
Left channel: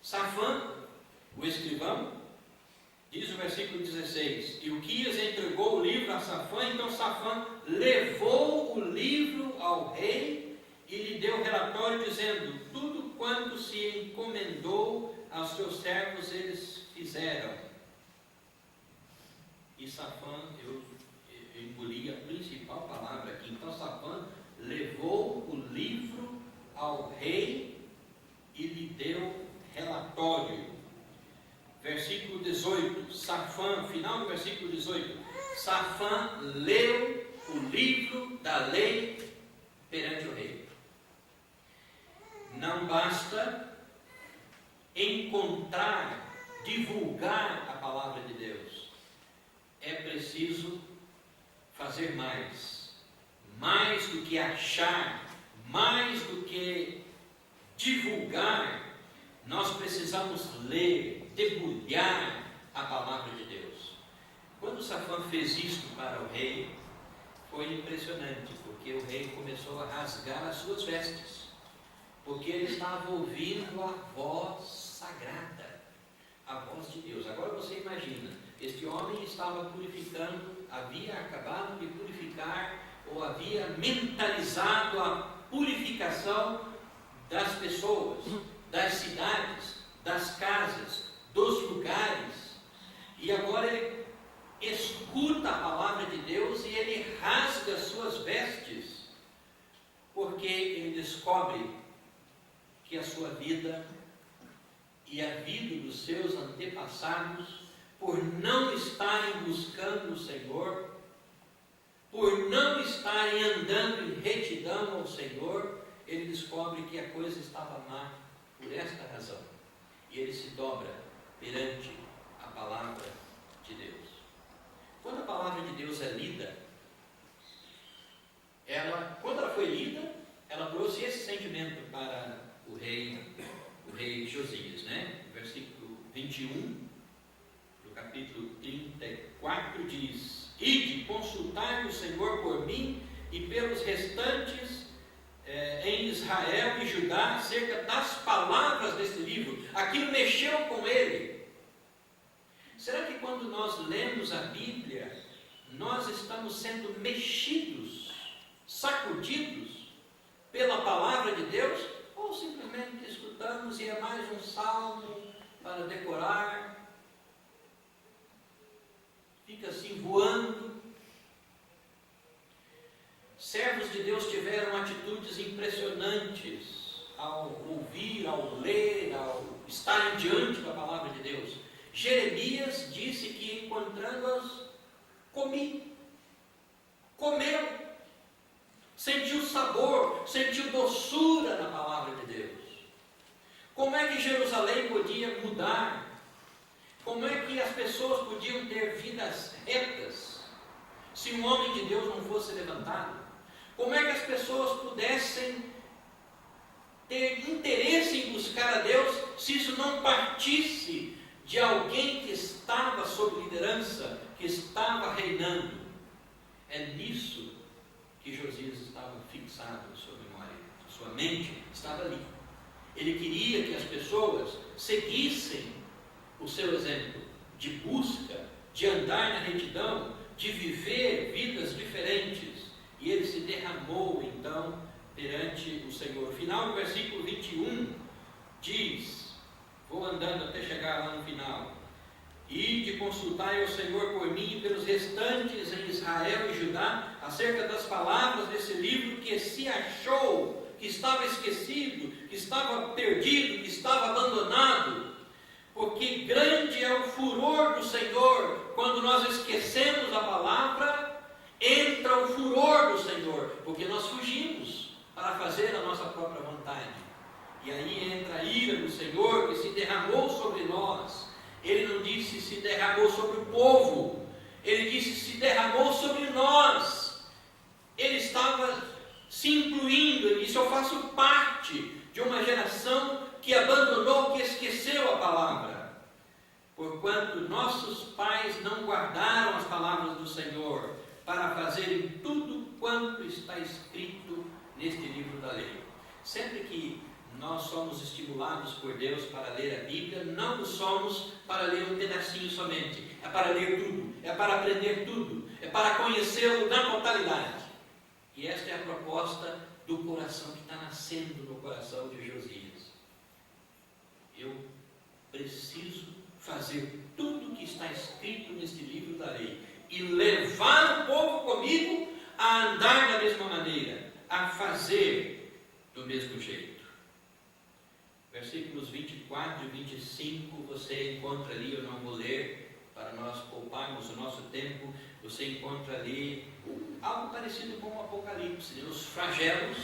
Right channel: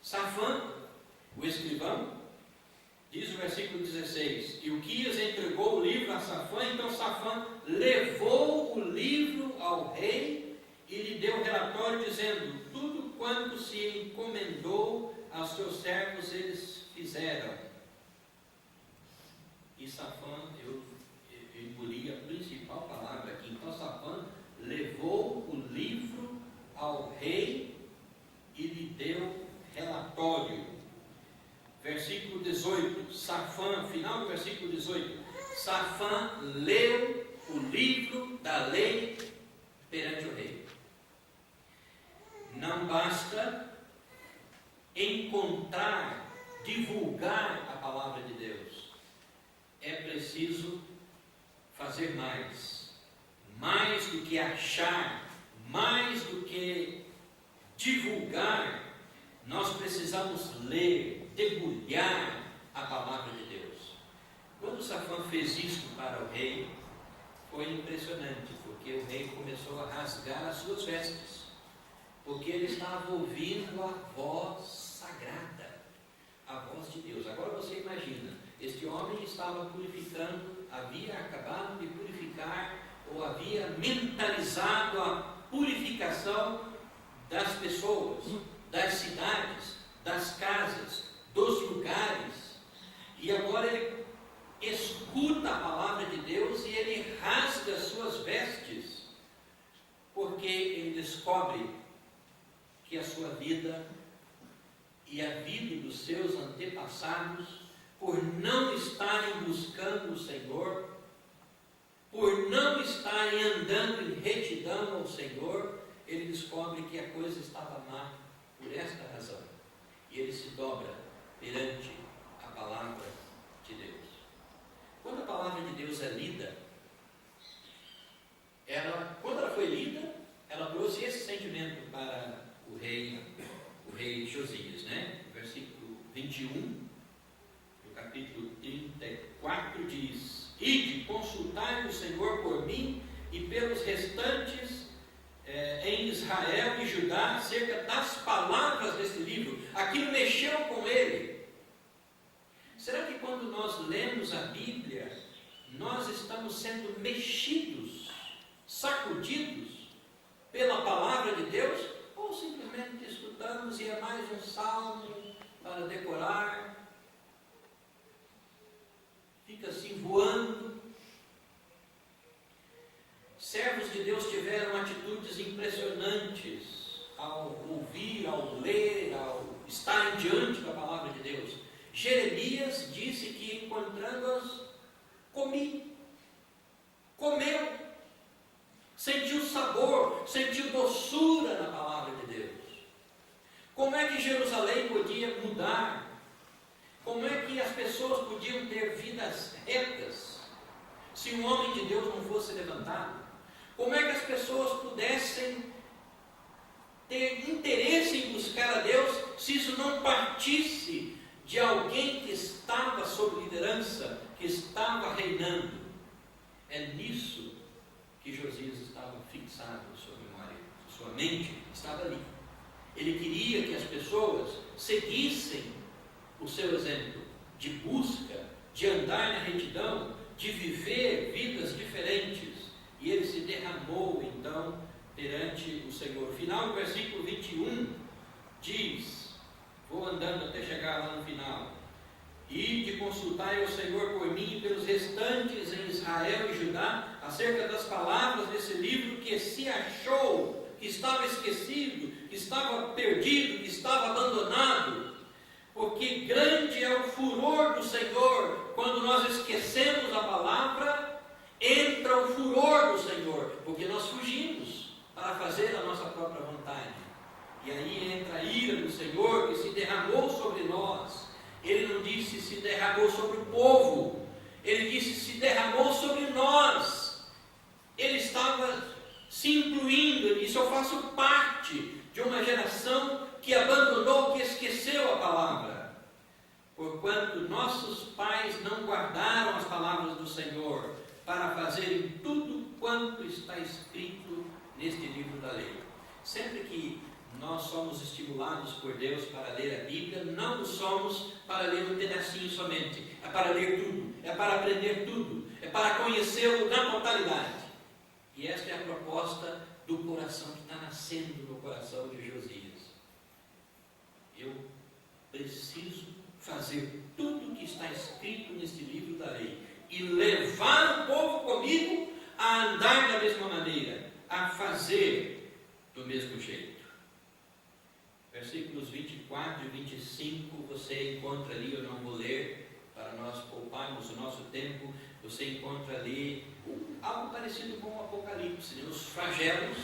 Safã, o escrivão, diz o versículo 16: Ilquias entregou o livro a Safã, então Safã levou o livro ao rei e lhe deu relatório dizendo: tudo quanto se encomendou aos seus servos eles fizeram. E Safã, eu engoli a principal palavra aqui. Então Safã levou o livro ao rei e lhe deu relatório. Versículo 18, Safã, final do versículo 18, Safã leu o livro da lei perante o rei. Não basta encontrar, divulgar a palavra de Deus, é preciso fazer mais do que achar, mais do que divulgar. Nós precisamos ler, debulhar a palavra de Deus. Quando Safã fez isto para o rei, foi impressionante, porque o rei começou a rasgar as suas vestes, porque ele estava ouvindo a voz sagrada, a voz de Deus. Agora você imagina, este homem estava purificando, havia acabado de purificar, ou havia mentalizado a purificação das pessoas, das cidades, das casas, dos lugares, e agora ele escuta a palavra de Deus e ele rasga as suas vestes, porque ele descobre que a sua vida e a vida dos seus antepassados, por não estarem buscando o Senhor, por não estarem andando em retidão ao Senhor, ele descobre que a coisa estava má por esta razão. E ele se dobra perante a palavra de Deus. Quando a palavra de Deus é lida, quando ela foi lida, ela trouxe esse sentimento para o rei Josias, né? O versículo 21 do capítulo 34 diz: Ide, consultai o Senhor por mim e pelos restantes em Israel e Judá acerca das palavras desse livro. Aquilo mexeu com ele. Será que quando nós lemos a Bíblia, nós estamos sendo mexidos, sacudidos pela palavra de Deus? Ou simplesmente escutamos e é mais um salmo para decorar, fica assim voando? Servos de Deus tiveram atitudes impressionantes ao ouvir, ao ler, ao estarem diante da palavra de Deus. Jeremias disse que encontrando-as, comeu, sentiu sabor, sentiu doçura na palavra de Deus. Como é que Jerusalém podia mudar? Como é que as pessoas podiam ter vidas retas se um homem de Deus não fosse levantado? Como é que as pessoas pudessem ter interesse em buscar a Deus se isso não partisse de alguém que estava sob liderança, que estava reinando? É nisso que Josias estava fixado na sua memória, a sua mente estava ali. Ele queria que as pessoas seguissem o seu exemplo de busca, de andar na retidão, de viver vidas diferentes. E ele se derramou então perante o Senhor. Final do versículo 21 diz, vou andando até chegar lá no final: Ide, consultai ao Senhor por mim e pelos restantes em Israel e Judá acerca das palavras desse livro que se achou, que estava esquecido, que estava perdido, que estava abandonado. Porque grande é o furor do Senhor. Quando nós esquecemos a palavra, entra o furor do Senhor, porque nós fugimos para fazer a nossa própria vontade. E aí entra a ira do Senhor que se derramou sobre nós. Ele não disse se derramou sobre o povo, ele disse se derramou sobre nós. Ele estava se incluindo, ele disse: eu faço parte de uma geração que abandonou, que esqueceu a palavra. Porquanto nossos pais não guardaram as palavras do Senhor para fazerem tudo quanto está escrito neste livro da lei. Sempre que nós somos estimulados por Deus para ler a Bíblia, não somos para ler um pedacinho somente, é para ler tudo, é para aprender tudo, é para conhecê-lo na totalidade. E esta é a proposta do coração que está nascendo no coração de Josias. Eu preciso fazer tudo o que está escrito neste livro da lei e levar o povo comigo a andar da mesma maneira, a fazer do mesmo jeito. Versículos 24 e 25 você encontra ali, eu não vou ler para nós pouparmos o nosso tempo, você encontra ali algo parecido com o Apocalipse, né? Os flagelos,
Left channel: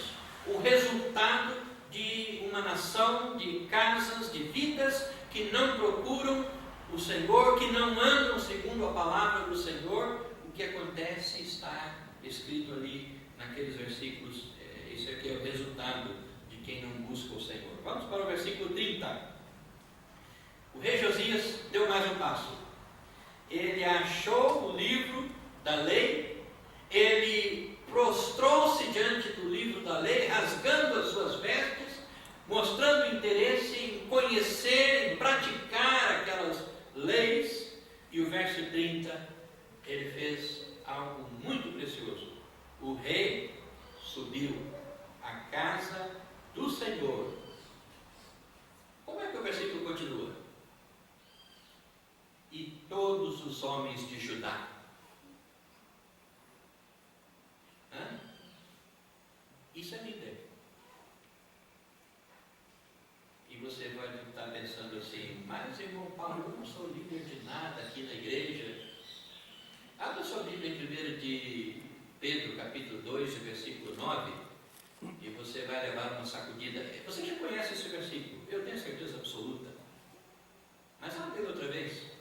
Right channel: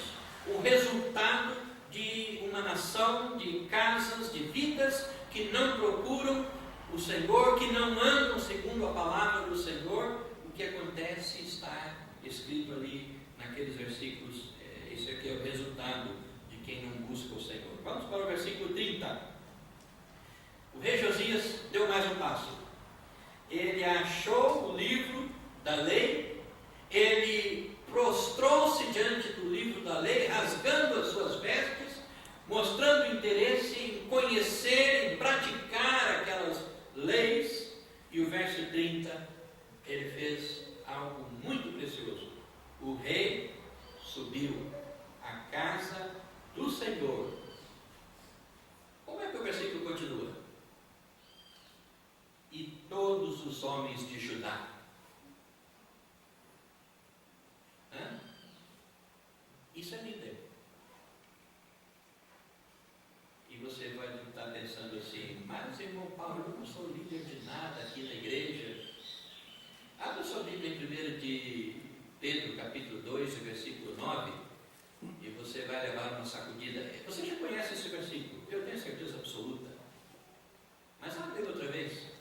o resultado de uma nação, de casas, de vidas que não procuram o Senhor, que não andam segundo a palavra do Senhor, o que acontece está escrito ali naqueles versículos. Esse aqui é o resultado de quem não busca o Senhor. Vamos para o versículo 30. O rei Josias deu mais um passo. Ele achou o livro da lei, ele prostrou-se diante do livro da lei, rasgando as suas vestes, mostrando interesse em conhecer, em praticar aquelas leis. E o verso 30, ele fez algo muito precioso. O rei subiu à casa do Senhor. Como é que o versículo continua? E todos os homens de Judá. Isso é líder. E você vai estar pensando assim, mas irmão Paulo, eu não sou líder de nada aqui na igreja. Abra sua Bíblia em 1 de Pedro, capítulo 2, versículo 9, e você vai levar uma sacudida. Você já conhece esse versículo, eu tenho certeza absoluta. Mas abre ele outra vez.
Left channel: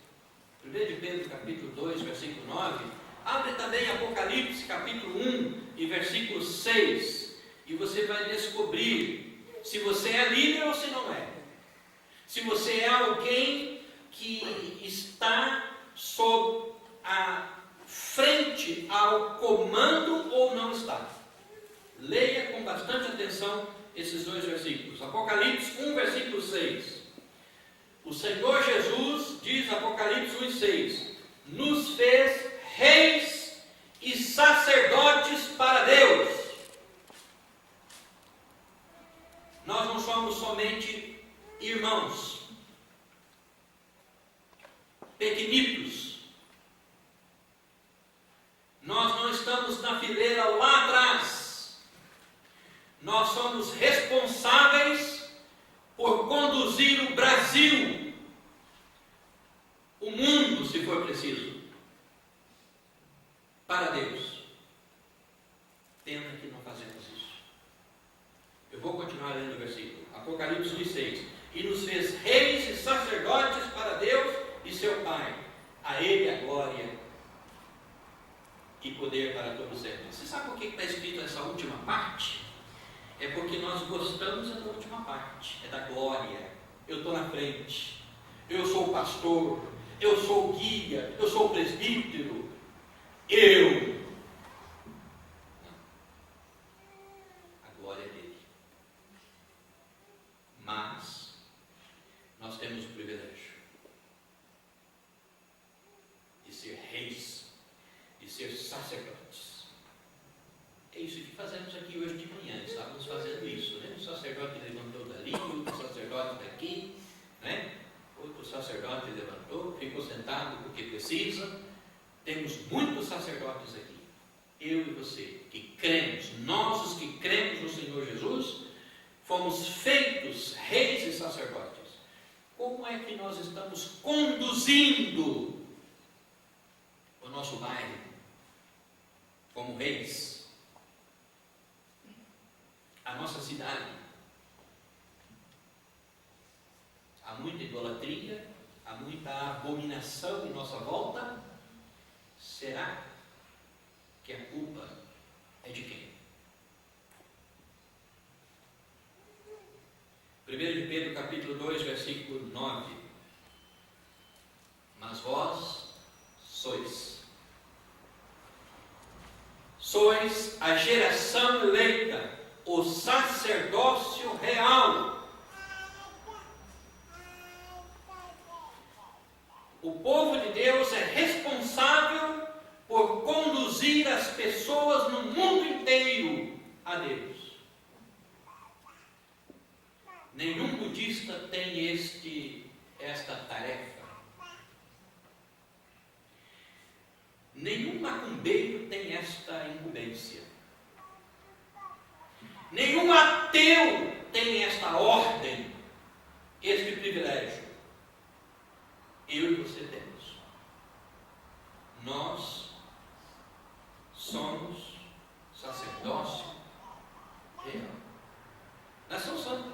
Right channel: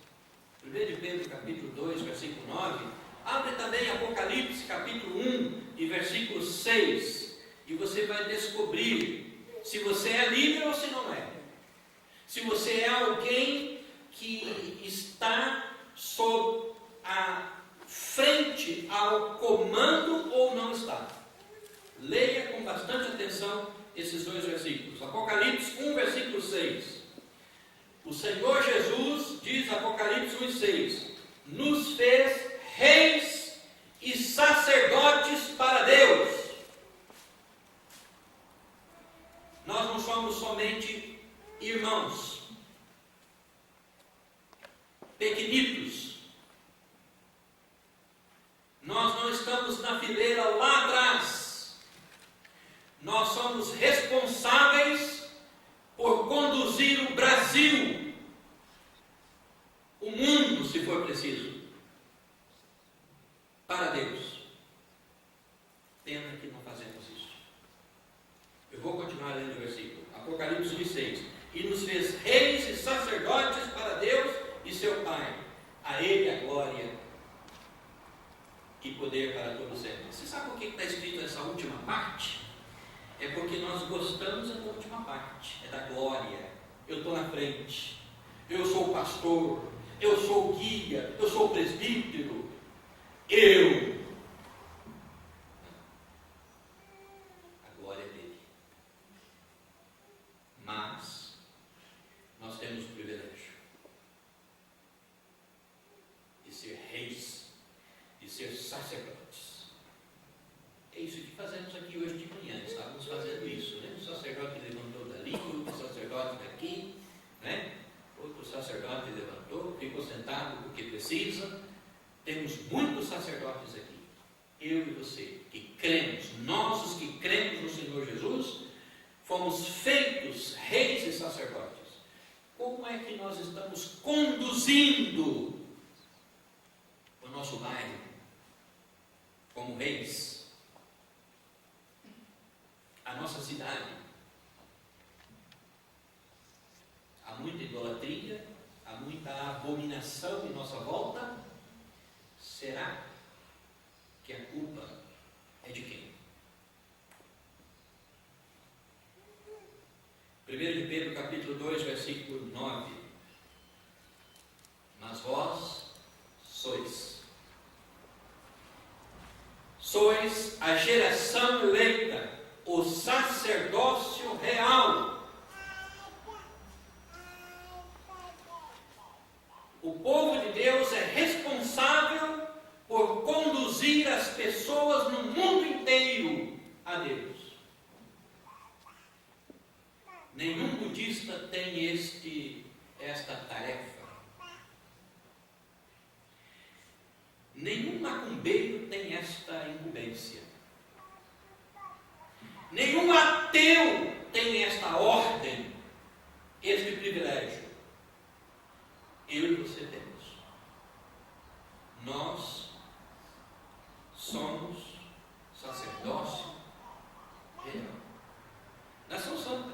1 de Pedro, capítulo 2, versículo 9. Abre também Apocalipse, capítulo 1, e versículo 6. E você vai descobrir se você é líder ou se não é. Se você é alguém que está sob a frente ao comando ou não está. Leia com bastante atenção esses dois versículos. Apocalipse 1, versículo 6. O Senhor Jesus, diz Apocalipse 1 e 6, nos fez reis e sacerdotes para Deus. Nós não somos somente irmãos, pequenitos. Nós não estamos na fileira lá atrás. Nós somos responsáveis por conduzir o Brasil, o mundo, se for preciso, para Deus. Pena que não fazemos isso. Eu vou continuar lendo o versículo. Apocalipse 1:6. E nos fez reis e sacerdotes para Deus e seu Pai. A Ele a glória e poder para todos sempre. Você sabe por que está escrito essa última parte? É porque nós gostamos da última parte, é da glória. Eu estou na frente, eu sou o pastor, eu sou o guia, eu sou o presbítero, a glória é dele. Mas nós temos o privilégio de ser reis, de ser sacerdotes. É isso que fazemos aqui hoje de manhã. Estávamos fazendo isso, né? O sacerdote levantou dali, outro sacerdote daqui, né? Outro sacerdote levantou, ficou sentado porque precisa. Temos muitos sacerdotes aqui. Eu e você, que cremos, nós os que cremos no Senhor Jesus, fomos feitos reis e sacerdotes. Como é que nós estamos conduzindo o nosso bairro como reis? A nossa cidade. Há muita idolatria, há muita abominação em nossa volta. Será que a culpa é de quem? 1 de Pedro, capítulo 2, versículo 9. Mas vós sois a geração eleita, o sacerdócio real, o povo de Deus é responsável por conduzir as pessoas no mundo inteiro a Deus. Nenhum budista tem esta tarefa. Nenhum macumbeiro tem esta incumbência. Nenhum ateu tem esta ordem, este privilégio. Eu e você temos. Nós somos sacerdócio real. Nação Santa.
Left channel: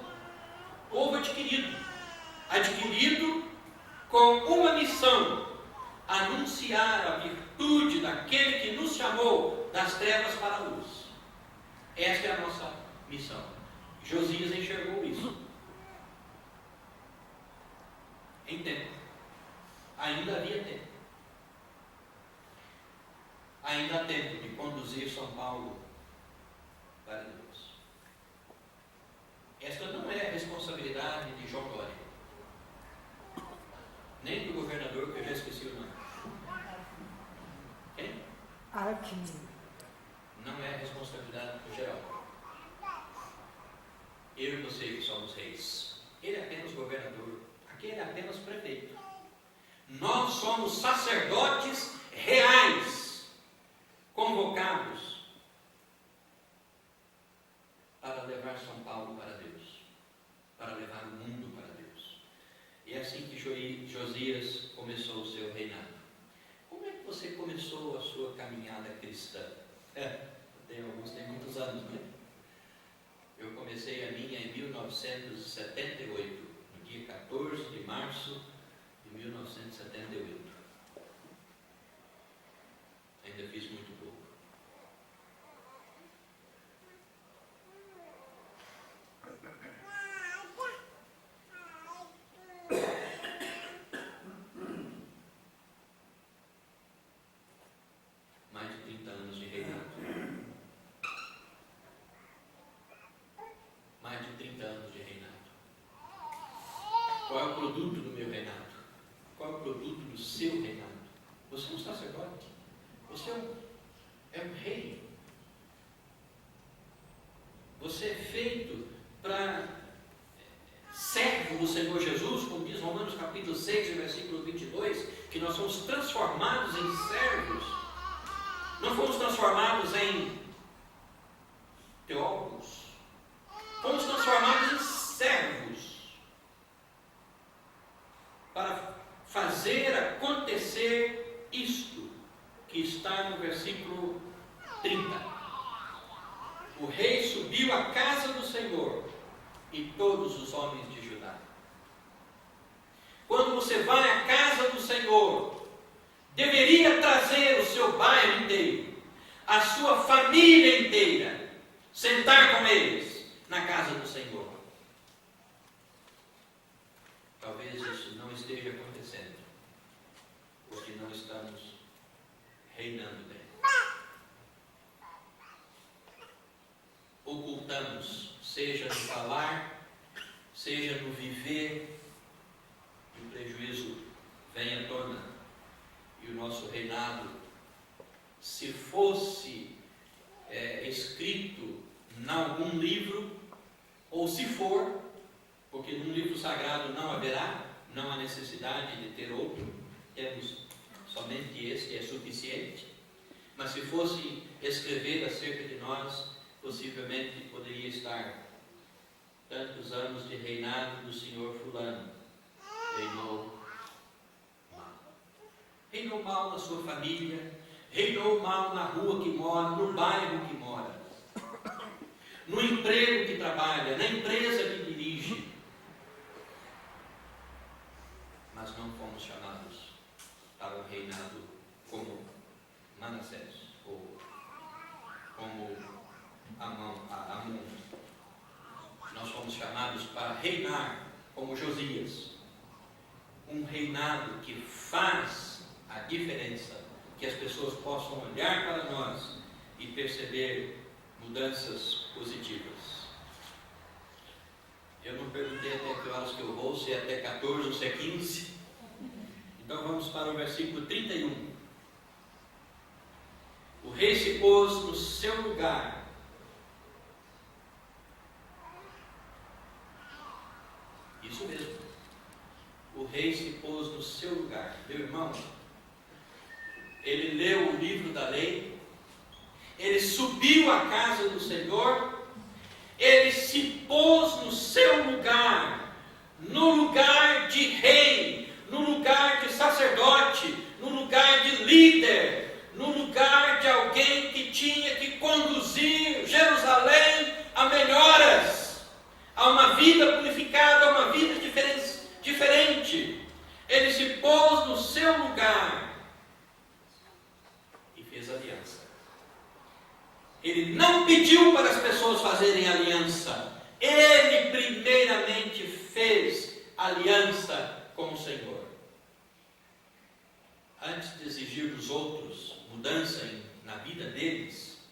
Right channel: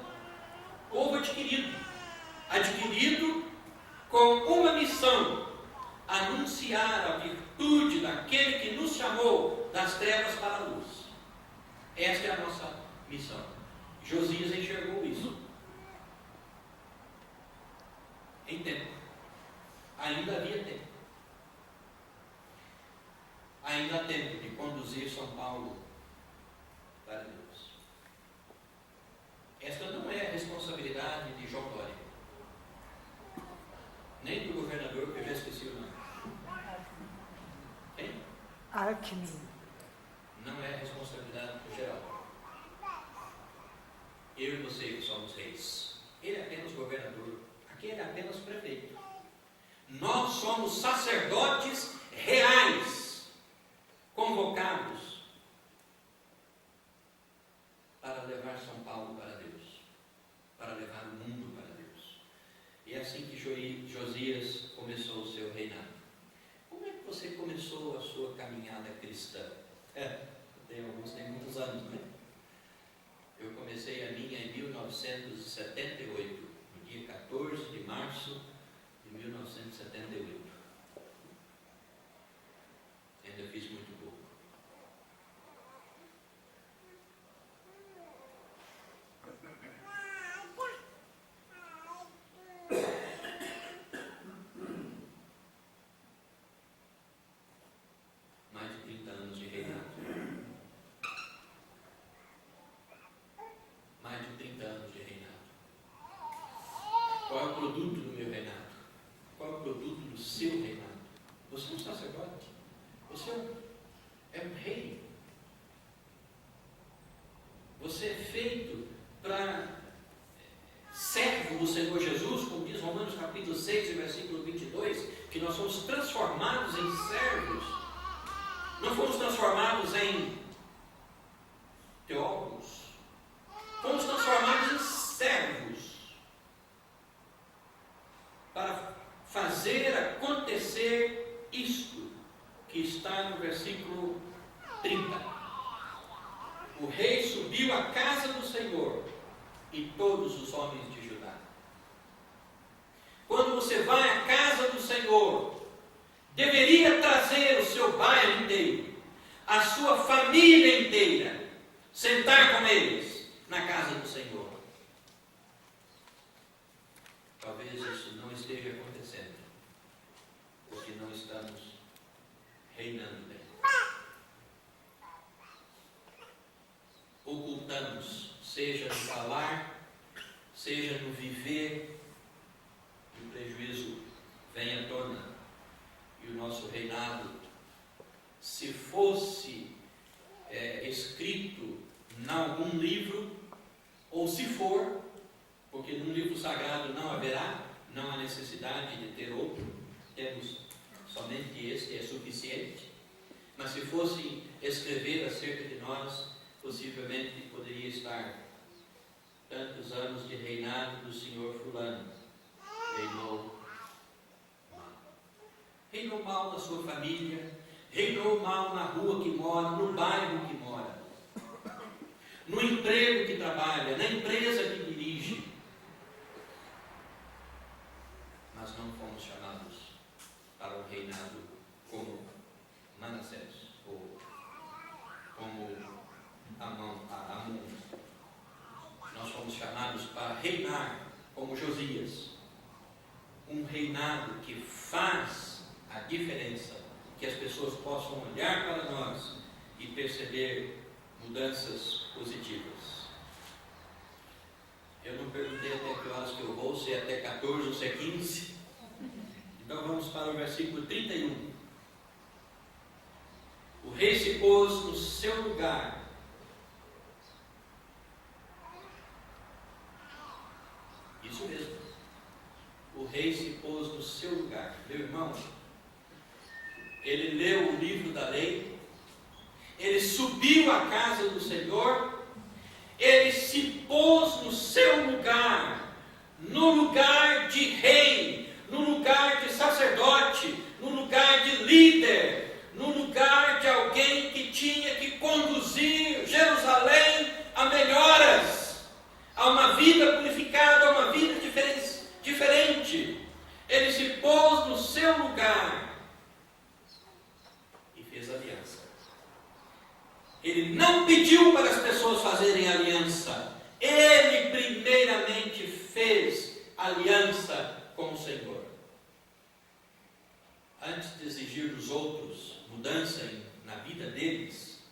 Esta é a nossa missão. Josias enxergou isso. Em tempo. Ainda havia tempo. Ainda há tempo de conduzir São Paulo para Deus. Esta não é a responsabilidade de João Dória, nem do governador, que eu já esqueci o nome. Quem? Alckmin. Não é a responsabilidade do geral. Eu e você que somos reis. Ele é apenas governador. Aqui ele é apenas prefeito. Nós somos sacerdotes reais, convocados para levar São Paulo para Deus, para levar o mundo para Deus. E é assim que Josias começou o seu reinado. Como é que você começou a sua caminhada cristã? Alguns têm muitos anos, não é? Eu comecei a minha em 1978, no dia 14 de março de 1978. Ainda fiz muito pouco. Mais de 30 anos de reinado. Mais de 30 anos de reinado. Qual é o produto do meu reinado? Qual é o produto do seu reinado? Você é um sacerdote. Você é um rei. Você é feito para servo do Senhor Jesus, como diz Romanos capítulo 6, versículo 22, que nós somos transformados em servos. Não fomos transformados em teólogos. Fomos transformados em servos para fazer acontecer isto que está no versículo 30. O rei subiu à casa do Senhor e todos os homens de Judá. Quando você vai à casa do Senhor, deveria trazer o seu bairro inteiro, a sua família inteira, sentar com eles na casa do Senhor. Talvez isso não esteja acontecendo, porque não estamos reinando bem. Ocultamos, seja no falar, seja no viver, e o prejuízo vem à tona. E o nosso reinado, se fosse escrito em algum livro, ou se for, porque num livro sagrado não haverá, não há necessidade de ter outro, temos somente este, é suficiente. Mas se fosse escrever acerca de nós, possivelmente poderia estar: tantos anos de reinado do senhor fulano, reinou mal. Reinou mal na sua família, reinou mal na rua que mora, no bairro que mora, no emprego que trabalha, na empresa que dirige. Mas não fomos chamados para um reinado como Manassés, ou como Amon. Nós fomos chamados para reinar como Josias, um reinado que faz a diferença, que as pessoas possam olhar para nós e perceber mudanças positivas. Eu não perguntei até que horas que eu vou, se é até 14 ou se é 15. Então vamos para o versículo 31. O rei se pôs no seu lugar. Isso mesmo. O rei se pôs no seu lugar. Meu irmão, ele leu o livro da lei, ele subiu à casa do Senhor, ele se pôs no seu lugar, no lugar de rei, no lugar de sacerdote, no lugar de líder, no lugar de alguém que tinha que conduzir Jerusalém a melhoras, a uma vida purificada, a uma vida diferente. Ele se pôs no seu lugar e fez aliança. Ele não pediu para as pessoas fazerem aliança. Ele primeiramente fez aliança com o Senhor. Antes de exigir dos outros mudança na vida deles,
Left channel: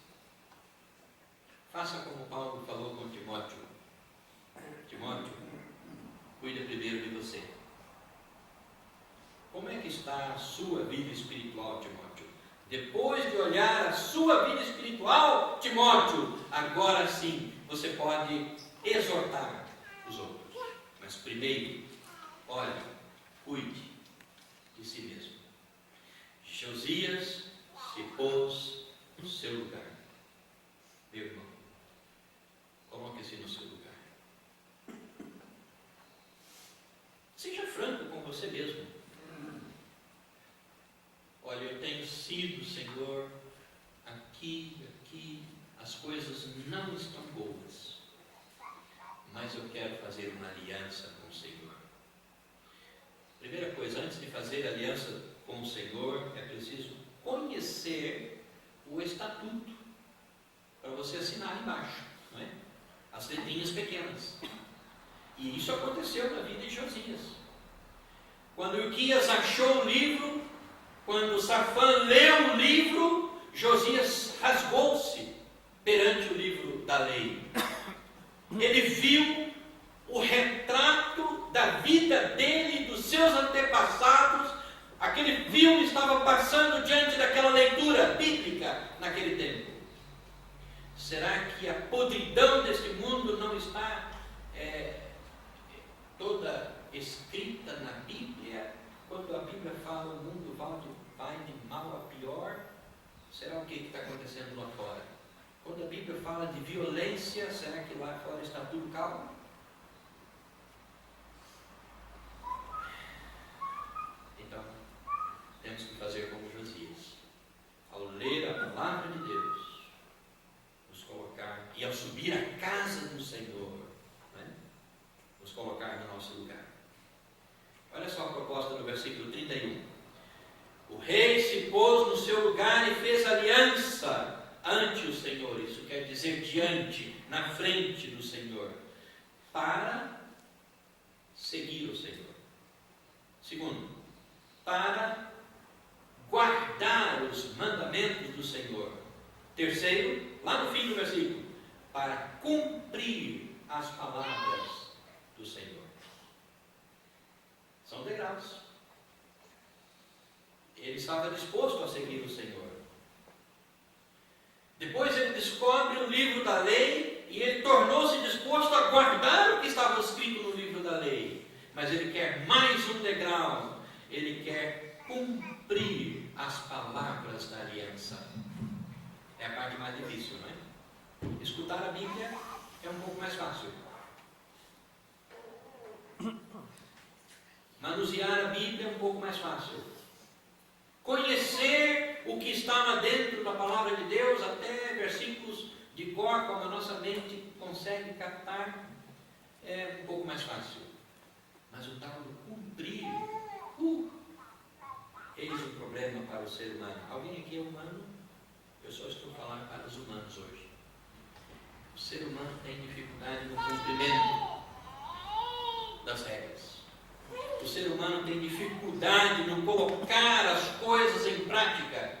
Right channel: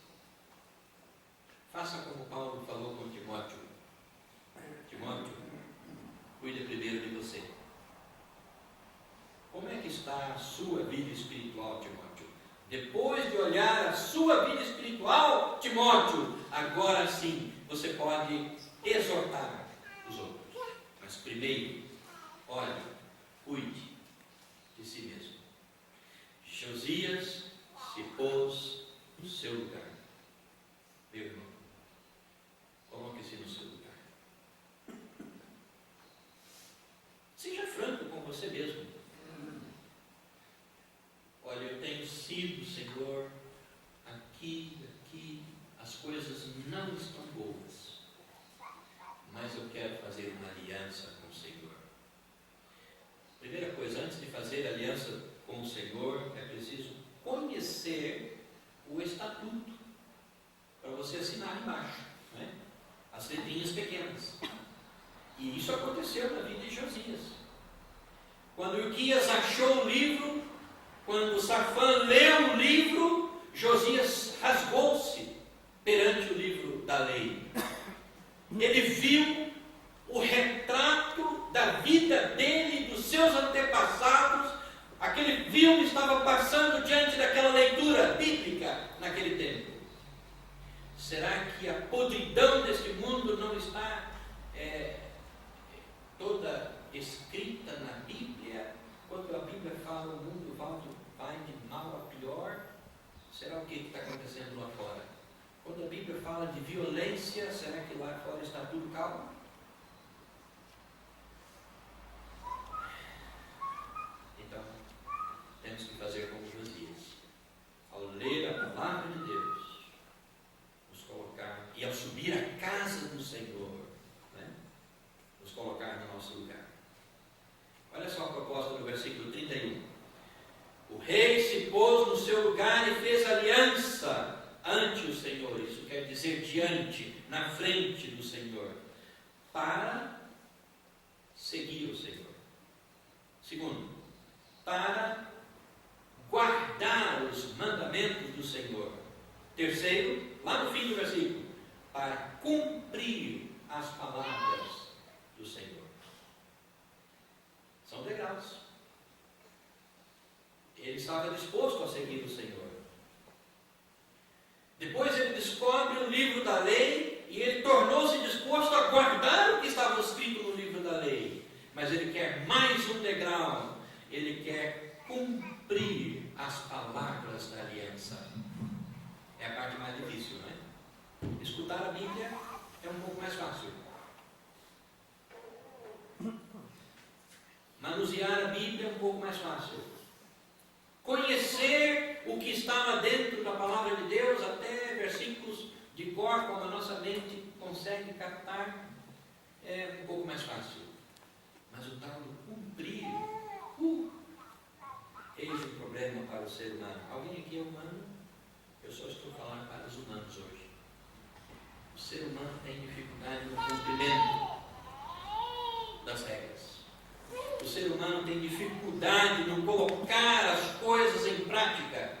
faça como Paulo falou com Timóteo. Timóteo, cuide primeiro de você. Como é que está a sua vida espiritual, Timóteo? Depois de olhar a sua vida espiritual, Timóteo, agora sim, você pode exortar os outros. Mas primeiro, olhe, cuide de si mesmo. Josias se pôs no seu lugar. Meu irmão, coloque-se no seu lugar. Seja franco com você mesmo. Olha, eu tenho sido, Senhor, aqui, as coisas não estão boas, mas eu quero fazer uma aliança com o Senhor. Primeira coisa, antes de fazer aliança com o Senhor, é preciso conhecer o estatuto, para você assinar embaixo, não é? As letrinhas pequenas. E isso aconteceu na vida de Josias. Quando Ilquias achou o livro, quando Safã leu o livro, Josias rasgou-se perante o livro da lei. Ele viu o retrato da vida dele e dos seus antepassados. Aquele filme estava passando diante daquela leitura bíblica naquele tempo. Será que a podridão deste mundo não está toda escrita na Bíblia? Quando a Bíblia fala o mundo vai de mal a pior, será o que está acontecendo lá fora? Quando a Bíblia fala de violência, será que lá fora está tudo calmo? Então, temos que fazer como Josias. Ao ler a palavra de Deus, nos colocar, e ao subir à casa do Senhor, né, nos colocar no nosso lugar. Olha só a proposta do versículo 31. O rei se pôs no seu lugar e fez aliança ante o Senhor. Isso quer dizer diante, na frente do Senhor, para seguir o Senhor. Segundo, para guardar os mandamentos do Senhor. Terceiro, lá no fim do versículo, para cumprir as palavras do Senhor. São degraus. Ele estava disposto a seguir o Senhor. Depois ele descobre o livro da lei e ele tornou-se disposto a guardar o que estava escrito no livro da lei. Mas ele quer mais um degrau. Ele quer cumprir as palavras da aliança. É a parte mais difícil, não é? Escutar a Bíblia é um pouco mais fácil. Manusear a Bíblia é um pouco mais fácil. Conhecer o que estava dentro da palavra de Deus, até versículos de cor, como a nossa mente consegue captar, é um pouco mais fácil. Mas o tal do cumprir, eis um problema para o ser humano. Alguém aqui é humano? Eu só estou falando para os humanos hoje. O ser humano tem dificuldade no cumprimento das regras. O ser humano tem dificuldade no colocar as coisas em prática.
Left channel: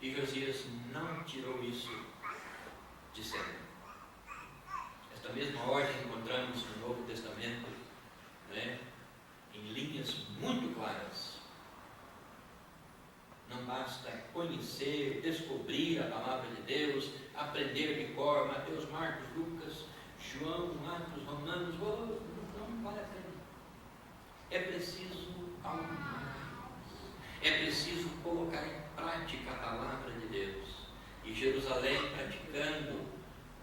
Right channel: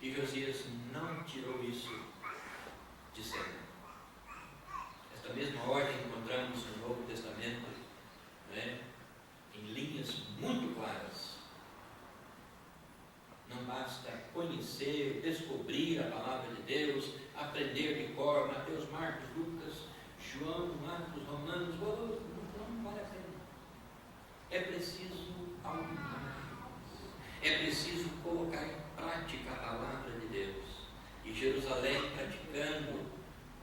E Josias não tirou isso de cena. Esta mesma ordem encontramos no Novo Testamento, né, em linhas muito claras. Não basta conhecer, descobrir a palavra de Deus, aprender de cor, Mateus, Marcos, Lucas, João, Atos, Romanos, não vale a pena. É preciso algo mais. É preciso colocar em prática a palavra de Deus. E Jerusalém, praticando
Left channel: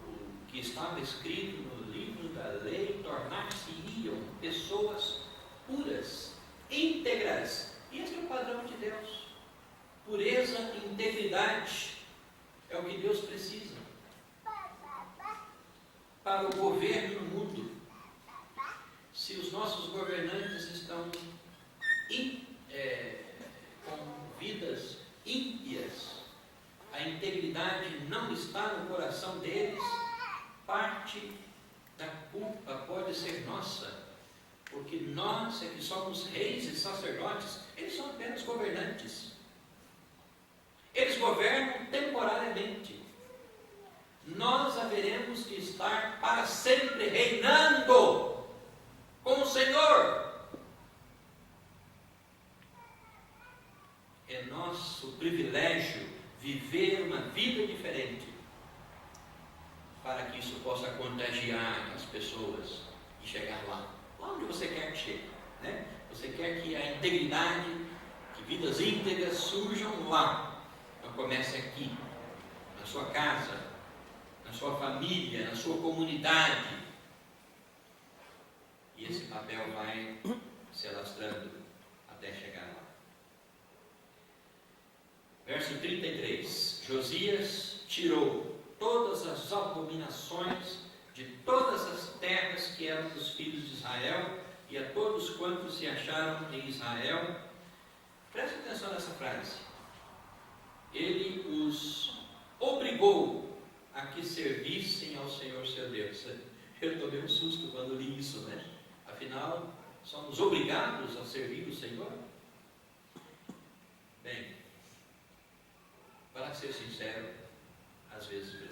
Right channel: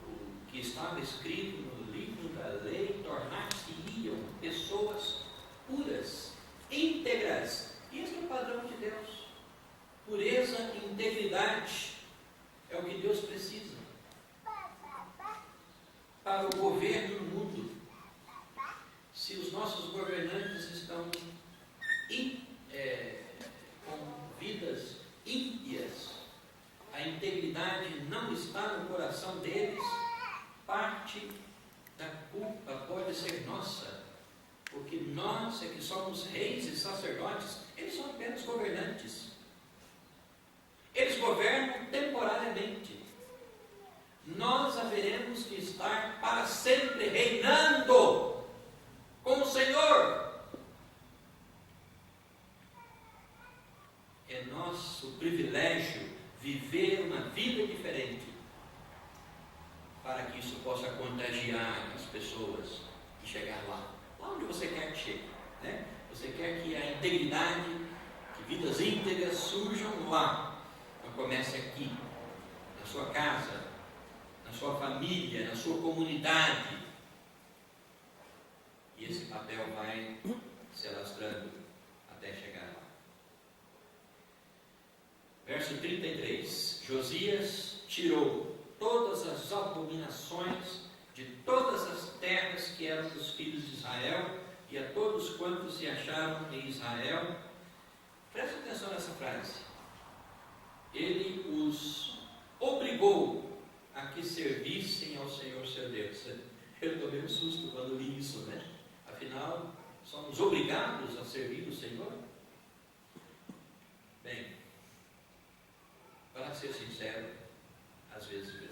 o que estava escrito no livro da lei, tornar-se-iam pessoas puras, íntegras. Este é o padrão de Deus. Pureza e integridade é o que Deus precisa para o governo no mundo. Se os nossos governantes estão com vidas ímpias, a integridade não está no coração deles, parte da culpa pode ser nossa, porque nós é que somos reis e sacerdotes, eles são apenas governantes. Eles governam temporariamente. Nós haveremos de estar para sempre reinando com o Senhor. É nosso privilégio viver uma vida diferente, para que isso possa contagiar as pessoas e chegar lá onde você quer que chegue, né? Você quer que a integridade, que vidas íntegras surjam lá, mas comece aqui, na sua casa, na sua família, na sua comunidade, e esse papel vai se alastrando até chegar lá. Verso 33, Josias tirou todas as abominações de todas as terras que eram dos filhos de Israel, e a todos quantos se acharam em Israel. Preste atenção nessa frase. Ele os obrigou a que servissem ao Senhor seu Deus. Eu tomei um susto quando li isso, né? Afinal, somos obrigados a servir o Senhor? Bem, para ser sincero, às vezes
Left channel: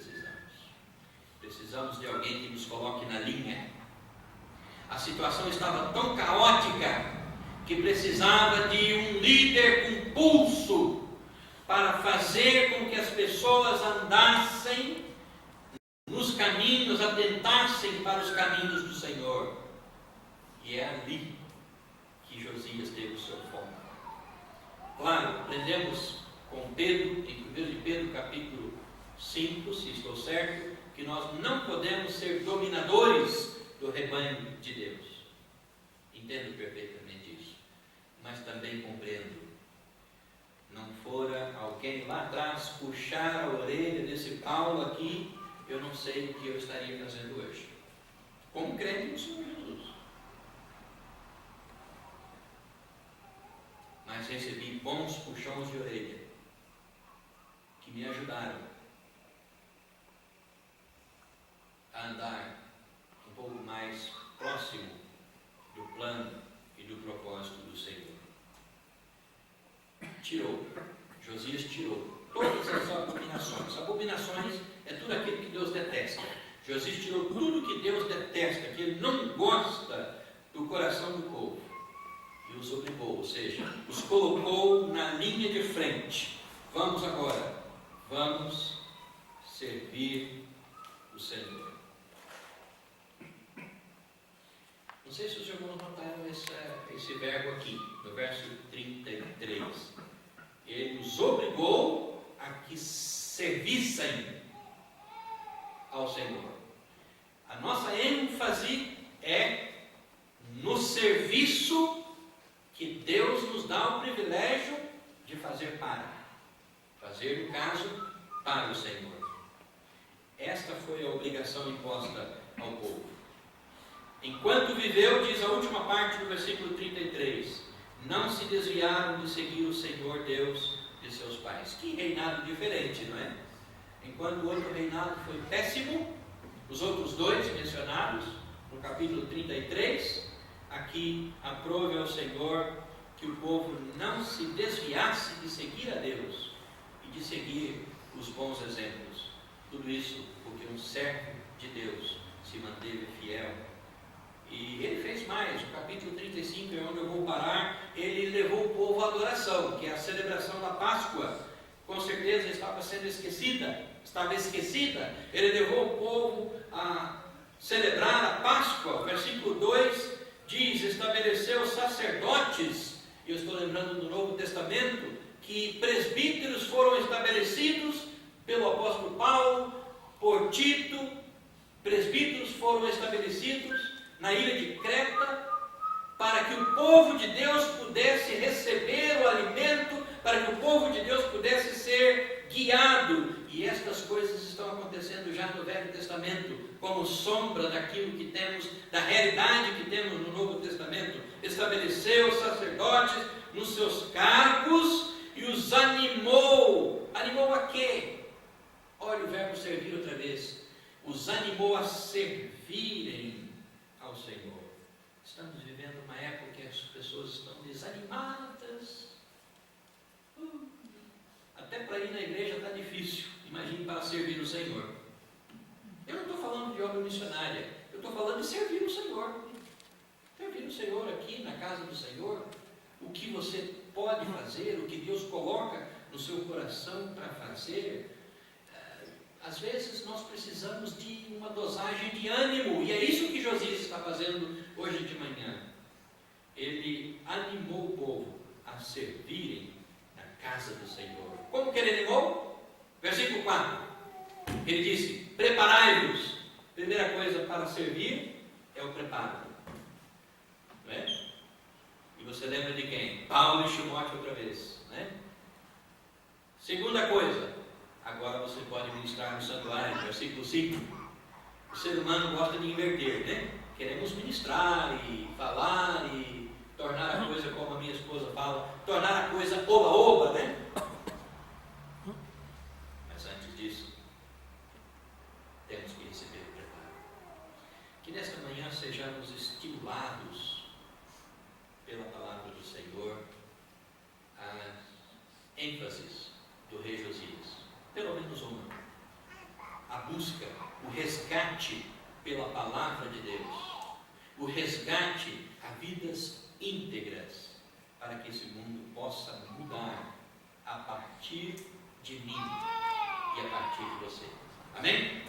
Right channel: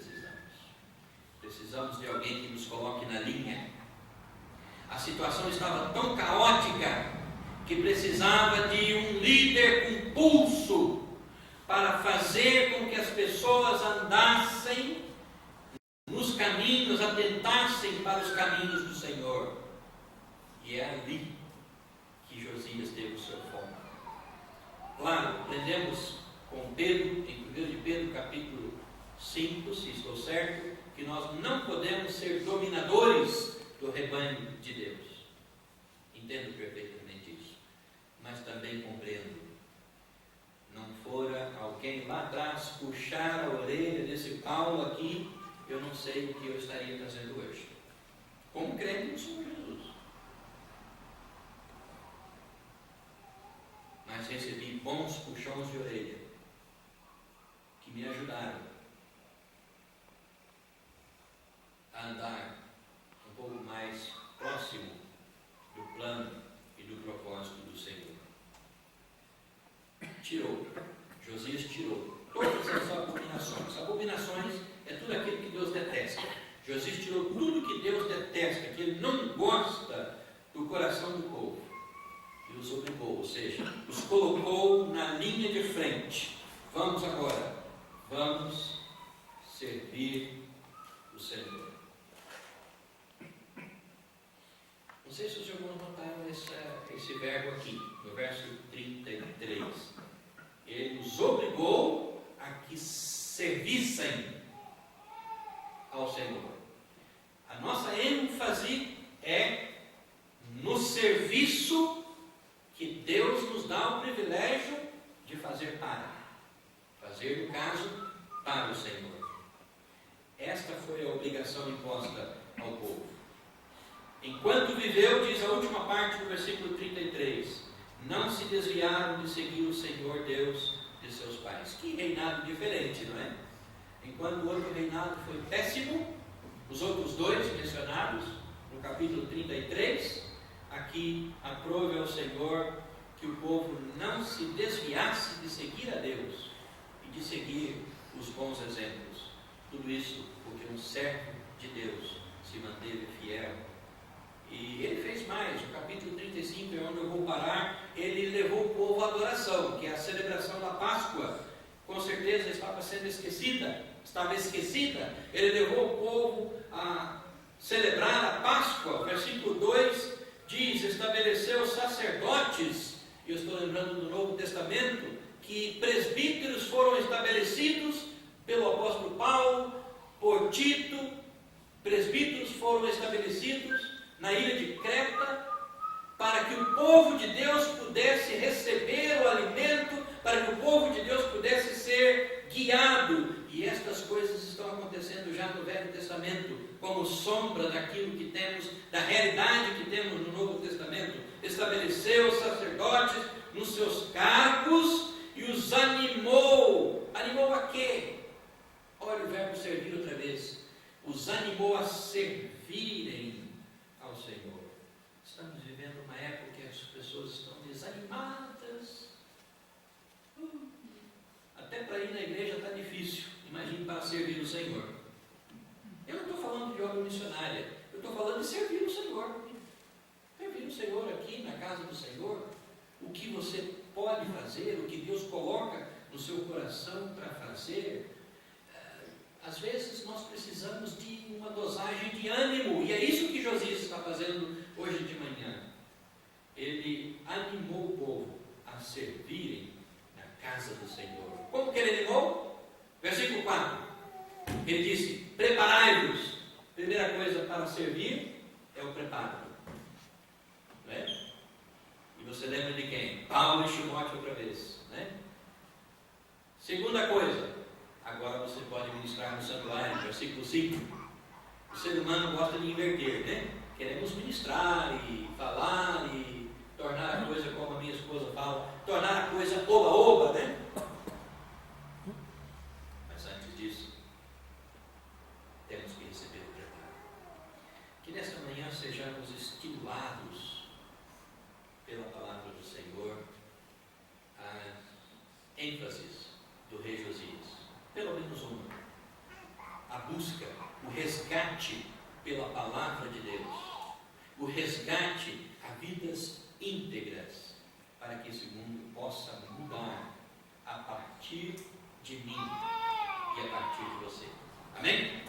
precisamos de alguém que nos coloque na linha. A situação estava tão caótica que precisava de um líder com pulso para fazer com que as pessoas andassem nos caminhos, atentassem para os caminhos do Senhor. E é ali que Josias teve o seu foco. Claro, aprendemos com Pedro, em 1 de Pedro capítulo 5, se estou certo, que nós não podemos ser dominadores do rebanho de Deus. Entendo perfeitamente isso, mas também compreendo. Não fora alguém lá atrás puxar a orelha desse Paulo aqui, eu não sei o que eu estaria fazendo hoje, como crente no Senhor Jesus. Mas recebi bons puxões de orelha, que me ajudaram a andar um pouco mais próximo do plano e do propósito do Senhor. Josias tirou todas as abominações. Abominações é tudo aquilo que Deus detesta. Josias tirou tudo que Deus detesta, que Ele não gosta do coração do povo, e os obrigou, ou seja, os colocou na linha de frente. Vamos agora, vamos servir o Senhor. Não sei se os irmãos notaram esse verbo aqui, no verso 33. Ele os obrigou a que servissem ao Senhor. A nossa ênfase é no serviço que Deus nos dá o privilégio de fazer fazer, no caso, para o Senhor. Esta foi a obrigação imposta ao povo. Enquanto viveu, diz a última parte do versículo 33, não se desviaram de seguir o Senhor Deus de seus pais. Que reinado diferente, não é? Enquanto o outro reinado foi péssimo, os outros dois mencionados no capítulo 33, aqui aprove ao Senhor que o povo não se desviasse de seguir a Deus e de seguir os bons exemplos. Tudo isso porque um servo de Deus se manteve fiel. E ele fez mais. No capítulo 35, é onde eu vou parar, ele levou o povo à adoração, que é a celebração da Páscoa. Com certeza estava esquecida. Ele levou o povo a celebrar a Páscoa. Versículo 2 diz, estabeleceu sacerdotes. Eu estou lembrando do Novo Testamento, que presbíteros foram estabelecidos pelo apóstolo Paulo, por Tito. Presbíteros foram estabelecidos na ilha de Creta, para que o povo de Deus pudesse receber o alimento, para que o povo de Deus pudesse ser guiado. E estas coisas estão acontecendo já no Velho Testamento, como sombra daquilo que temos, da realidade que temos no Novo Testamento. Estabeleceu os sacerdotes nos seus cargos e os animou. Animou a quê? Olha o verbo animou a servirem ao Senhor. Estamos vivendo uma época que as pessoas estão desanimadas. Até para ir na igreja está difícil. Imagine para servir o Senhor. Eu não estou falando de obra missionária. Eu estou falando de servir o Senhor. Servir o Senhor aqui na casa do Senhor. O que você pode fazer, o que Deus coloca no seu coração para fazer. Às vezes nós precisamos de uma dosagem de ânimo. E é isso que Josias está fazendo hoje de manhã. Ele animou o povo a servirem na casa do Senhor. Como que ele animou? Versículo 4. Ele disse: preparai-vos. Primeira coisa para servir é o preparo. Não é? E você lembra de quem? Paulo e Timóteo outra vez. Né? Segunda coisa, agora você pode ministrar no santuário, versículo 5. O ser humano gosta de inverter, né? Queremos ministrar e falar e tornar a coisa como a minha esposa fala, tornar a coisa oba-oba, né? Mas antes disso, temos que receber o preparo. Que nesta manhã sejamos estimulados pela palavra do Senhor, a ênfases do rei Josias, pelo menos uma, a busca, o resgate pela palavra de Deus, o resgate a vidas íntegras, para que esse mundo possa mudar a partir de mim e a partir de você. Amém?